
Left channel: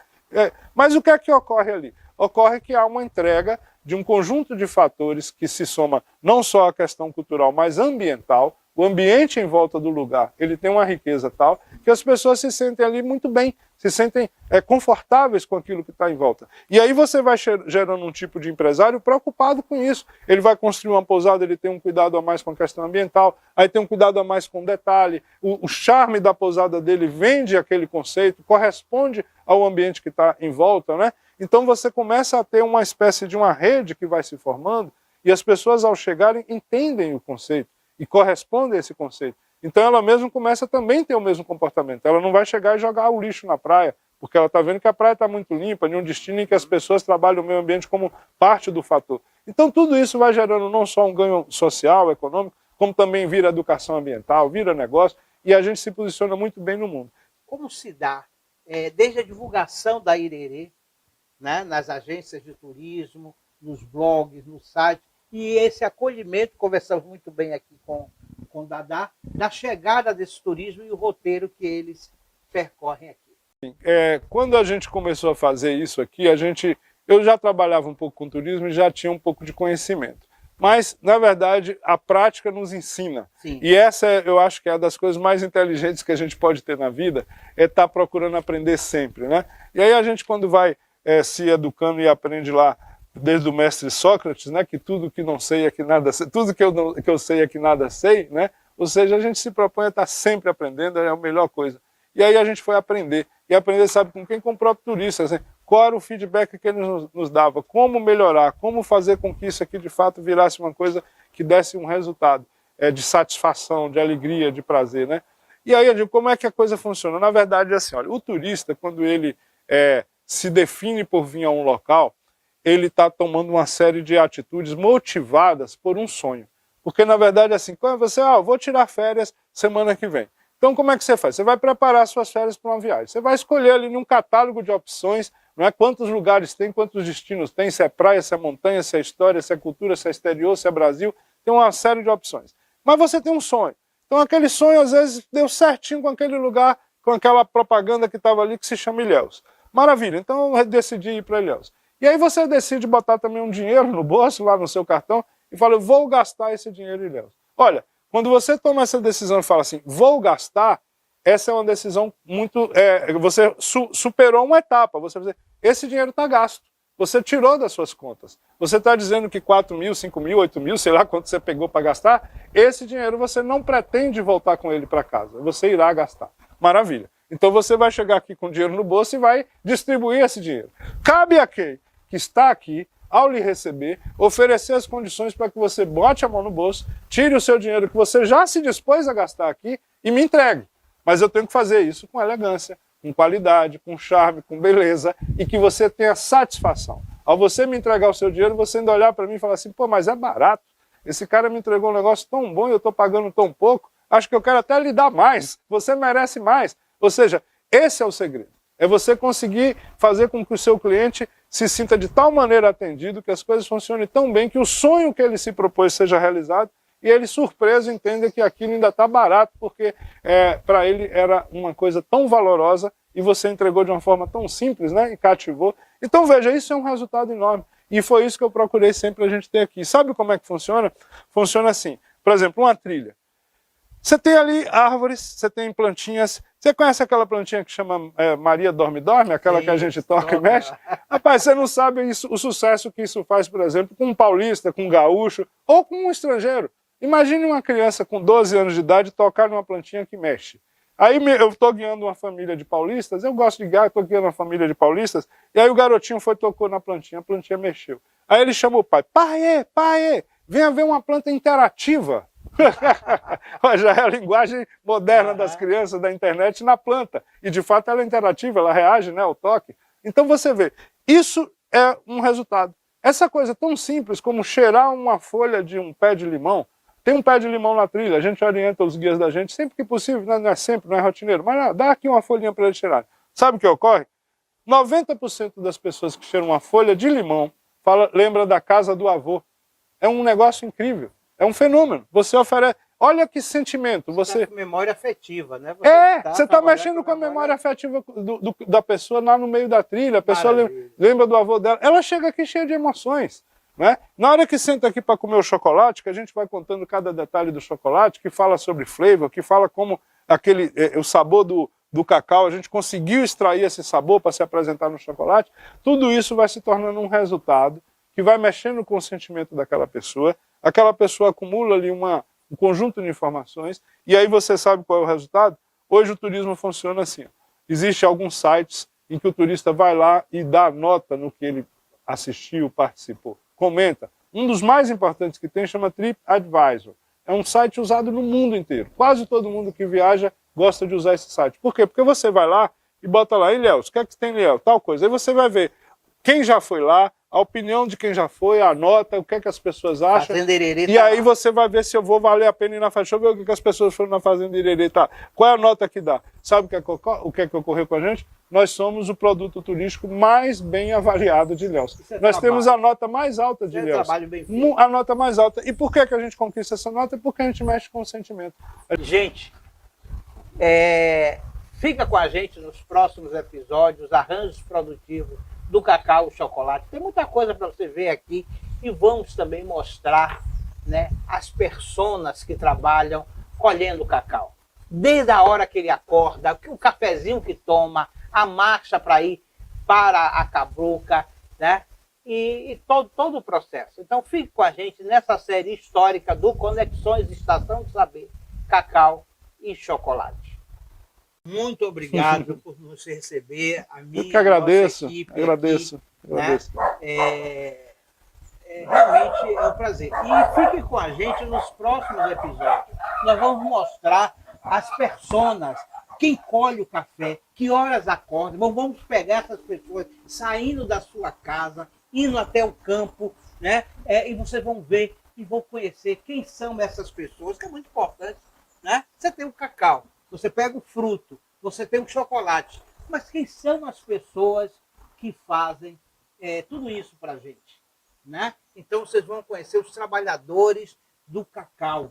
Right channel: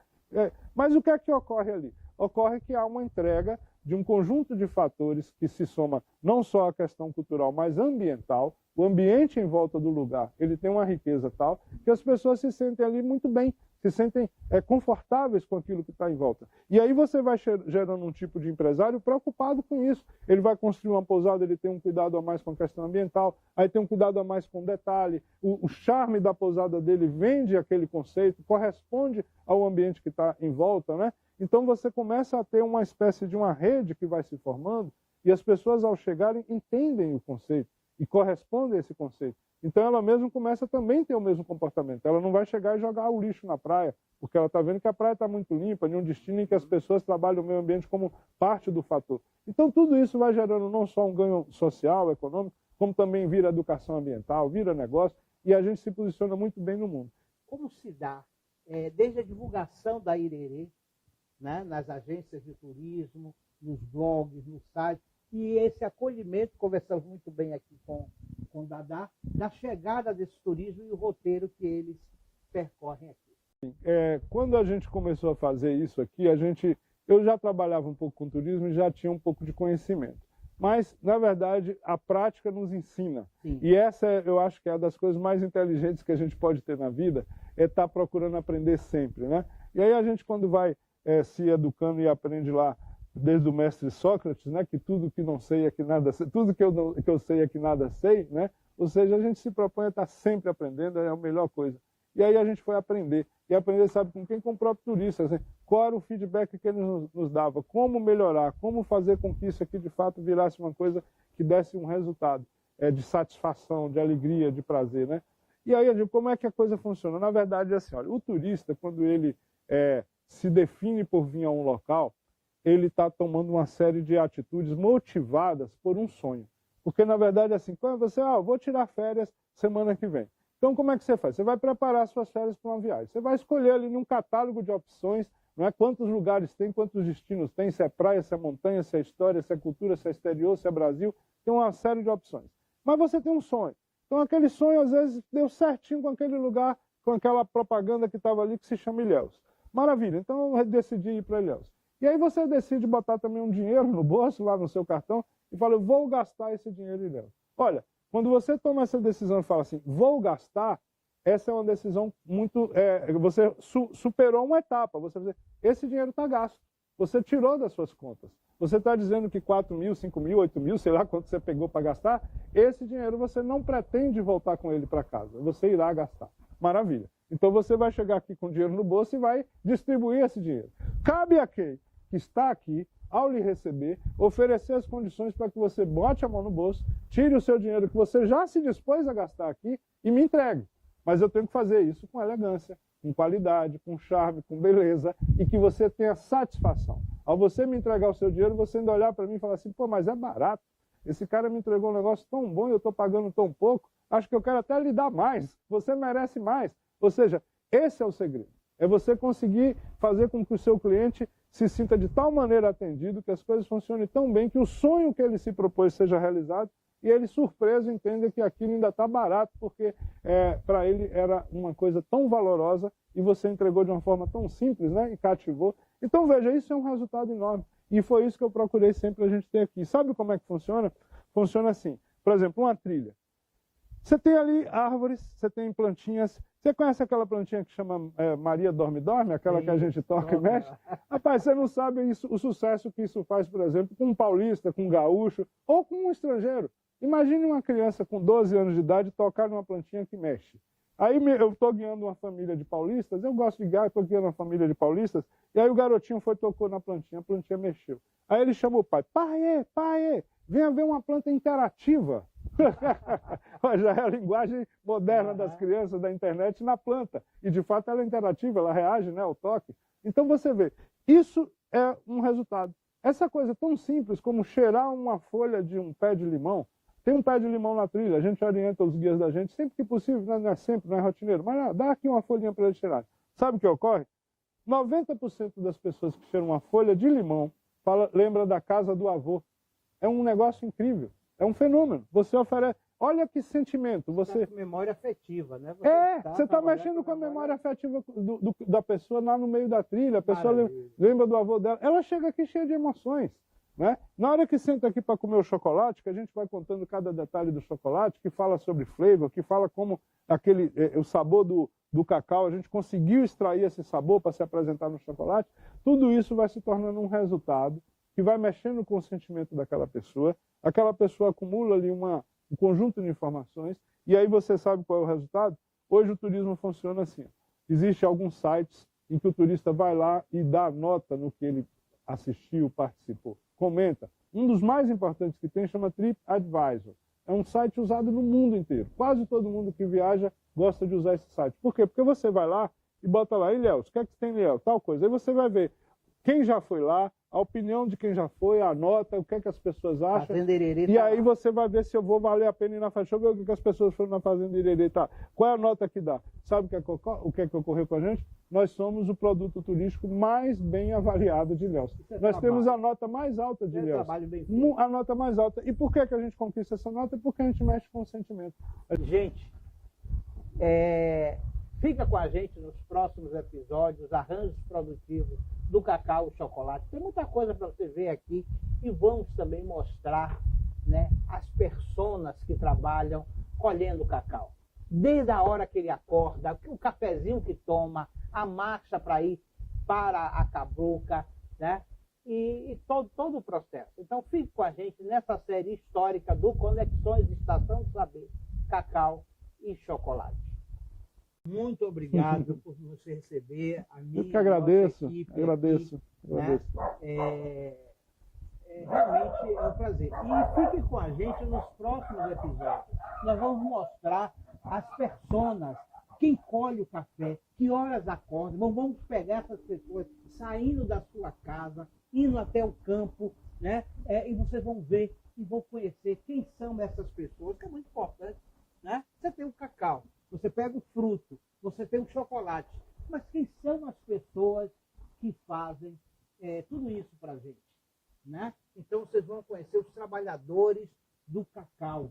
Mas o que é que ocorre ali? Ocorre que há uma entrega de um conjunto de fatores que se soma não só à questão cultural, mas ambiental. O ambiente em volta do lugar, ele tem uma riqueza tal que as pessoas se sentem ali muito bem, se sentem confortáveis com aquilo que está em volta. E aí você vai gerando um tipo de empresário preocupado com isso. Ele vai construir uma pousada, ele tem um cuidado a mais com a questão ambiental, aí tem um cuidado a mais com o detalhe, o charme da pousada dele vende aquele conceito, corresponde ao ambiente que está em volta, né? Então você começa a ter uma espécie de uma rede que vai se formando e as pessoas ao chegarem entendem o conceito e correspondem a esse conceito. Então ela mesma começa também a ter o mesmo comportamento. Ela não vai chegar e jogar o lixo na praia, porque ela está vendo que a praia está muito limpa, em um destino em que as pessoas trabalham o meio ambiente como parte do fator. Então tudo isso vai gerando não só um ganho social, econômico, como também vira educação ambiental, vira negócio, e a gente se posiciona muito bem no mundo. Como se dá, desde a divulgação da Irerê, né, nas agências de turismo, nos blogs, no site, e esse acolhimento, conversamos muito bem aqui com o Dadá, da chegada desse turismo e o roteiro que eles percorrem aqui. Quando a gente começou a fazer isso aqui, eu já trabalhava um pouco com turismo e já tinha um pouco de conhecimento. Mas, na verdade, a prática nos ensina. Sim. E essa, eu acho que é uma das coisas mais inteligentes que a gente pode ter na vida, é estar procurando aprender sempre, né? E aí a gente, quando vai se educando e aprende lá, desde o mestre Sócrates, né, que tudo que não sei é que nada sei, tudo que eu sei é que nada sei, né? Ou seja, a gente se propõe a estar sempre aprendendo, é a melhor coisa. E aí a gente foi aprender. E aprender, sabe, com quem? Com o próprio turista. Assim, qual era o feedback que ele nos dava? Como melhorar? Como fazer com que isso aqui, de fato, virasse uma coisa que desse um resultado de satisfação, de alegria, de prazer, né? E aí eu digo, como é que a coisa funciona? Na verdade, é assim, olha, o turista, quando ele se define por vir a um local, ele está tomando uma série de atitudes motivadas por um sonho. Porque, na verdade, assim, quando você, vou tirar férias semana que vem. Então, como é que você faz? Você vai preparar suas férias para uma viagem. Você vai escolher ali num catálogo de opções, não é? Quantos lugares tem, quantos destinos tem, se é praia, se é montanha, se é história, se é cultura, se é exterior, se é Brasil. Tem uma série de opções. Mas você tem um sonho. Então, aquele sonho, às vezes, deu certinho com aquele lugar, com aquela propaganda que estava ali, que se chama Ilhéus. Maravilha, então eu decidi ir para Ilhéus. E aí você decide botar também um dinheiro no bolso, lá no seu cartão, e fala, eu vou gastar esse dinheiro em Ilhéus. Olha, quando você toma essa decisão e fala assim, vou gastar, essa é uma decisão muito... você superou uma etapa. Você vai dizer, esse dinheiro está gasto. Você tirou das suas contas. Você está dizendo que 4 mil, 5 mil, 8 mil, sei lá quanto você pegou para gastar, esse dinheiro você não pretende voltar com ele para casa. Você irá gastar. Maravilha. Então você vai chegar aqui com dinheiro no bolso e vai distribuir esse dinheiro. Cabe a quem que está aqui, ao lhe receber, oferecer as condições para que você bote a mão no bolso, tire o seu dinheiro que você já se dispôs a gastar aqui e me entregue. Mas eu tenho que fazer isso com elegância, com qualidade, com charme, com beleza e que você tenha satisfação. Ao você me entregar o seu dinheiro, você ainda olhar para mim e falar assim, pô, mas é barato. Esse cara me entregou um negócio tão bom e eu estou pagando tão pouco, acho que eu quero até lhe dar mais, você merece mais. Ou seja, esse é o segredo. É você conseguir fazer com que o seu cliente se sinta de tal maneira atendido, que as coisas funcionem tão bem, que o sonho que ele se propôs seja realizado, e ele, surpreso, entenda que aquilo ainda está barato, porque para ele era uma coisa tão valorosa, e você entregou de uma forma tão simples, né, e cativou. Então, veja, isso é um resultado enorme. E foi isso que eu procurei sempre a gente ter aqui. Sabe como é que funciona? Funciona assim. Por exemplo, uma trilha. Você tem ali árvores, você tem plantinhas. Você conhece aquela plantinha que chama Maria Dorme-Dorme? Aquela que a gente toca e mexe? Rapaz, você não sabe o sucesso que isso faz, por exemplo, com um paulista, com um gaúcho ou com um estrangeiro. Imagine uma criança com 12 anos de idade tocar numa plantinha que mexe. Aí eu estou guiando uma família de paulistas, eu gosto de guiar, estou guiando uma família de paulistas, e aí o garotinho tocou na plantinha, a plantinha mexeu. Aí ele chamou o pai, pai, venha ver uma planta interativa. Já é a linguagem moderna das crianças da internet na planta. E de fato ela é interativa, ela reage, né, ao toque. Então você vê, isso é um resultado. Essa coisa tão simples como cheirar uma folha de um pé de limão. Tem um pé de limão na trilha, a gente orienta os guias da gente sempre que possível, não é sempre, não é rotineiro, mas dá aqui uma folhinha para eles cheirarem. Sabe o que ocorre? 90% das pessoas que cheiram uma folha de limão lembra da casa do avô. É um negócio incrível. É um fenômeno. Você oferece... Olha que sentimento. Você tá com memória afetiva, né? Você está mexendo com a memória afetiva da pessoa lá no meio da trilha. A pessoa lembra do avô dela. Ela chega aqui cheia de emoções. Né? Na hora que senta aqui para comer o chocolate, que a gente vai contando cada detalhe do chocolate, que fala sobre flavor, que fala como o sabor do cacau, a gente conseguiu extrair esse sabor para se apresentar no chocolate, tudo isso vai se tornando um resultado que vai mexendo com o sentimento daquela pessoa. Aquela pessoa acumula ali um conjunto de informações, e aí você sabe qual é o resultado? Hoje o turismo funciona assim. Existem alguns sites em que o turista vai lá e dá nota no que ele assistiu, participou, comenta. Um dos mais importantes que tem chama TripAdvisor. É um site usado no mundo inteiro. Quase todo mundo que viaja gosta de usar esse site. Por quê? Porque você vai lá e bota lá, Ilhéus, o que é que tem em Ilhéus? Tal coisa. Aí você vai ver quem já foi lá, a opinião de quem já foi, a nota, o que é que as pessoas acham. Fazenda Irerê E tá aí lá. você vai ver se eu vou valer a pena ir na fazenda. Deixa eu ver o que as pessoas foram na Fazenda Irerê. Tá. Qual é a nota que dá? Sabe o que é que ocorreu com a gente? Nós somos o produto turístico mais bem avaliado de Ilhéus. Isso é Nós trabalho. temos a nota mais alta de É um Ilhéus. trabalho bem feito. A nota mais alta. E por que a gente conquista essa nota? Porque a gente mexe com o sentimento. Gente, fica com a gente nos próximos episódios, arranjos produtivos do cacau e chocolate. Tem muita coisa para você ver aqui e vamos também mostrar, né, as personas que trabalham colhendo o cacau. Desde a hora que ele acorda, o cafezinho que toma, a marcha para ir para a cabruca, né? E todo o processo. Então fique com a gente nessa série histórica do Conexões Estação do Saber, Cacau e Chocolate. Muito obrigado por nos receber, a minha, Eu que agradeço. nossa equipe Agradeço. aqui, né? Agradeço. Realmente é um prazer. E fique com a gente nos próximos episódios. Nós vamos mostrar as personas, quem colhe o café, que horas acordam. Vamos pegar essas pessoas saindo da sua casa, indo até o campo, né? E vocês vão ver e vão conhecer quem são essas pessoas, que é muito importante, né? Você tem o cacau, você pega o fruto, você tem o chocolate, mas quem são as pessoas que fazem tudo isso para a gente, né? Então vocês vão conhecer os trabalhadores do cacau,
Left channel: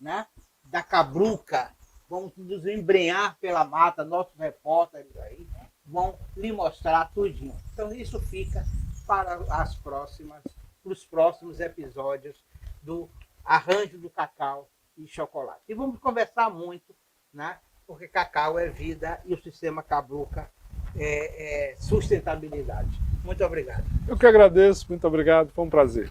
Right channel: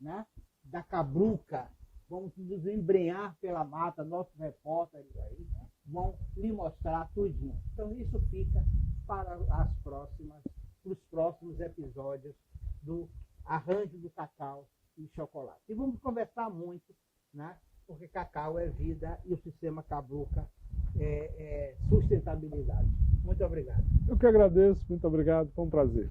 né? Da cabruca, vão nos embrenhar pela mata, nossos repórteres aí vão lhe mostrar tudinho. Então isso fica para os próximos episódios do Arranjo do Cacau e Chocolate. E vamos conversar muito, né? Porque cacau é vida e o sistema cabruca é sustentabilidade. Muito obrigado. Eu que agradeço, muito obrigado, foi um prazer.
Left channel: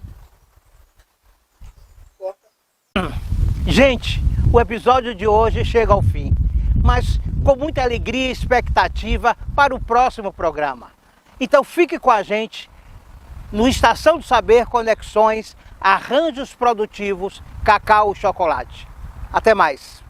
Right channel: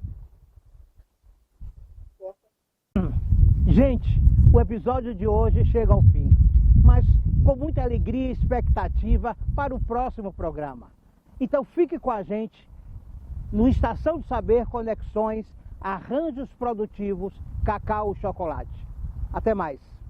Gente, o episódio de hoje chega ao fim, mas com muita alegria e expectativa para o próximo programa. Então fique com a gente no Estação do Saber Conexões, Arranjos Produtivos, Cacau e Chocolate. Até mais!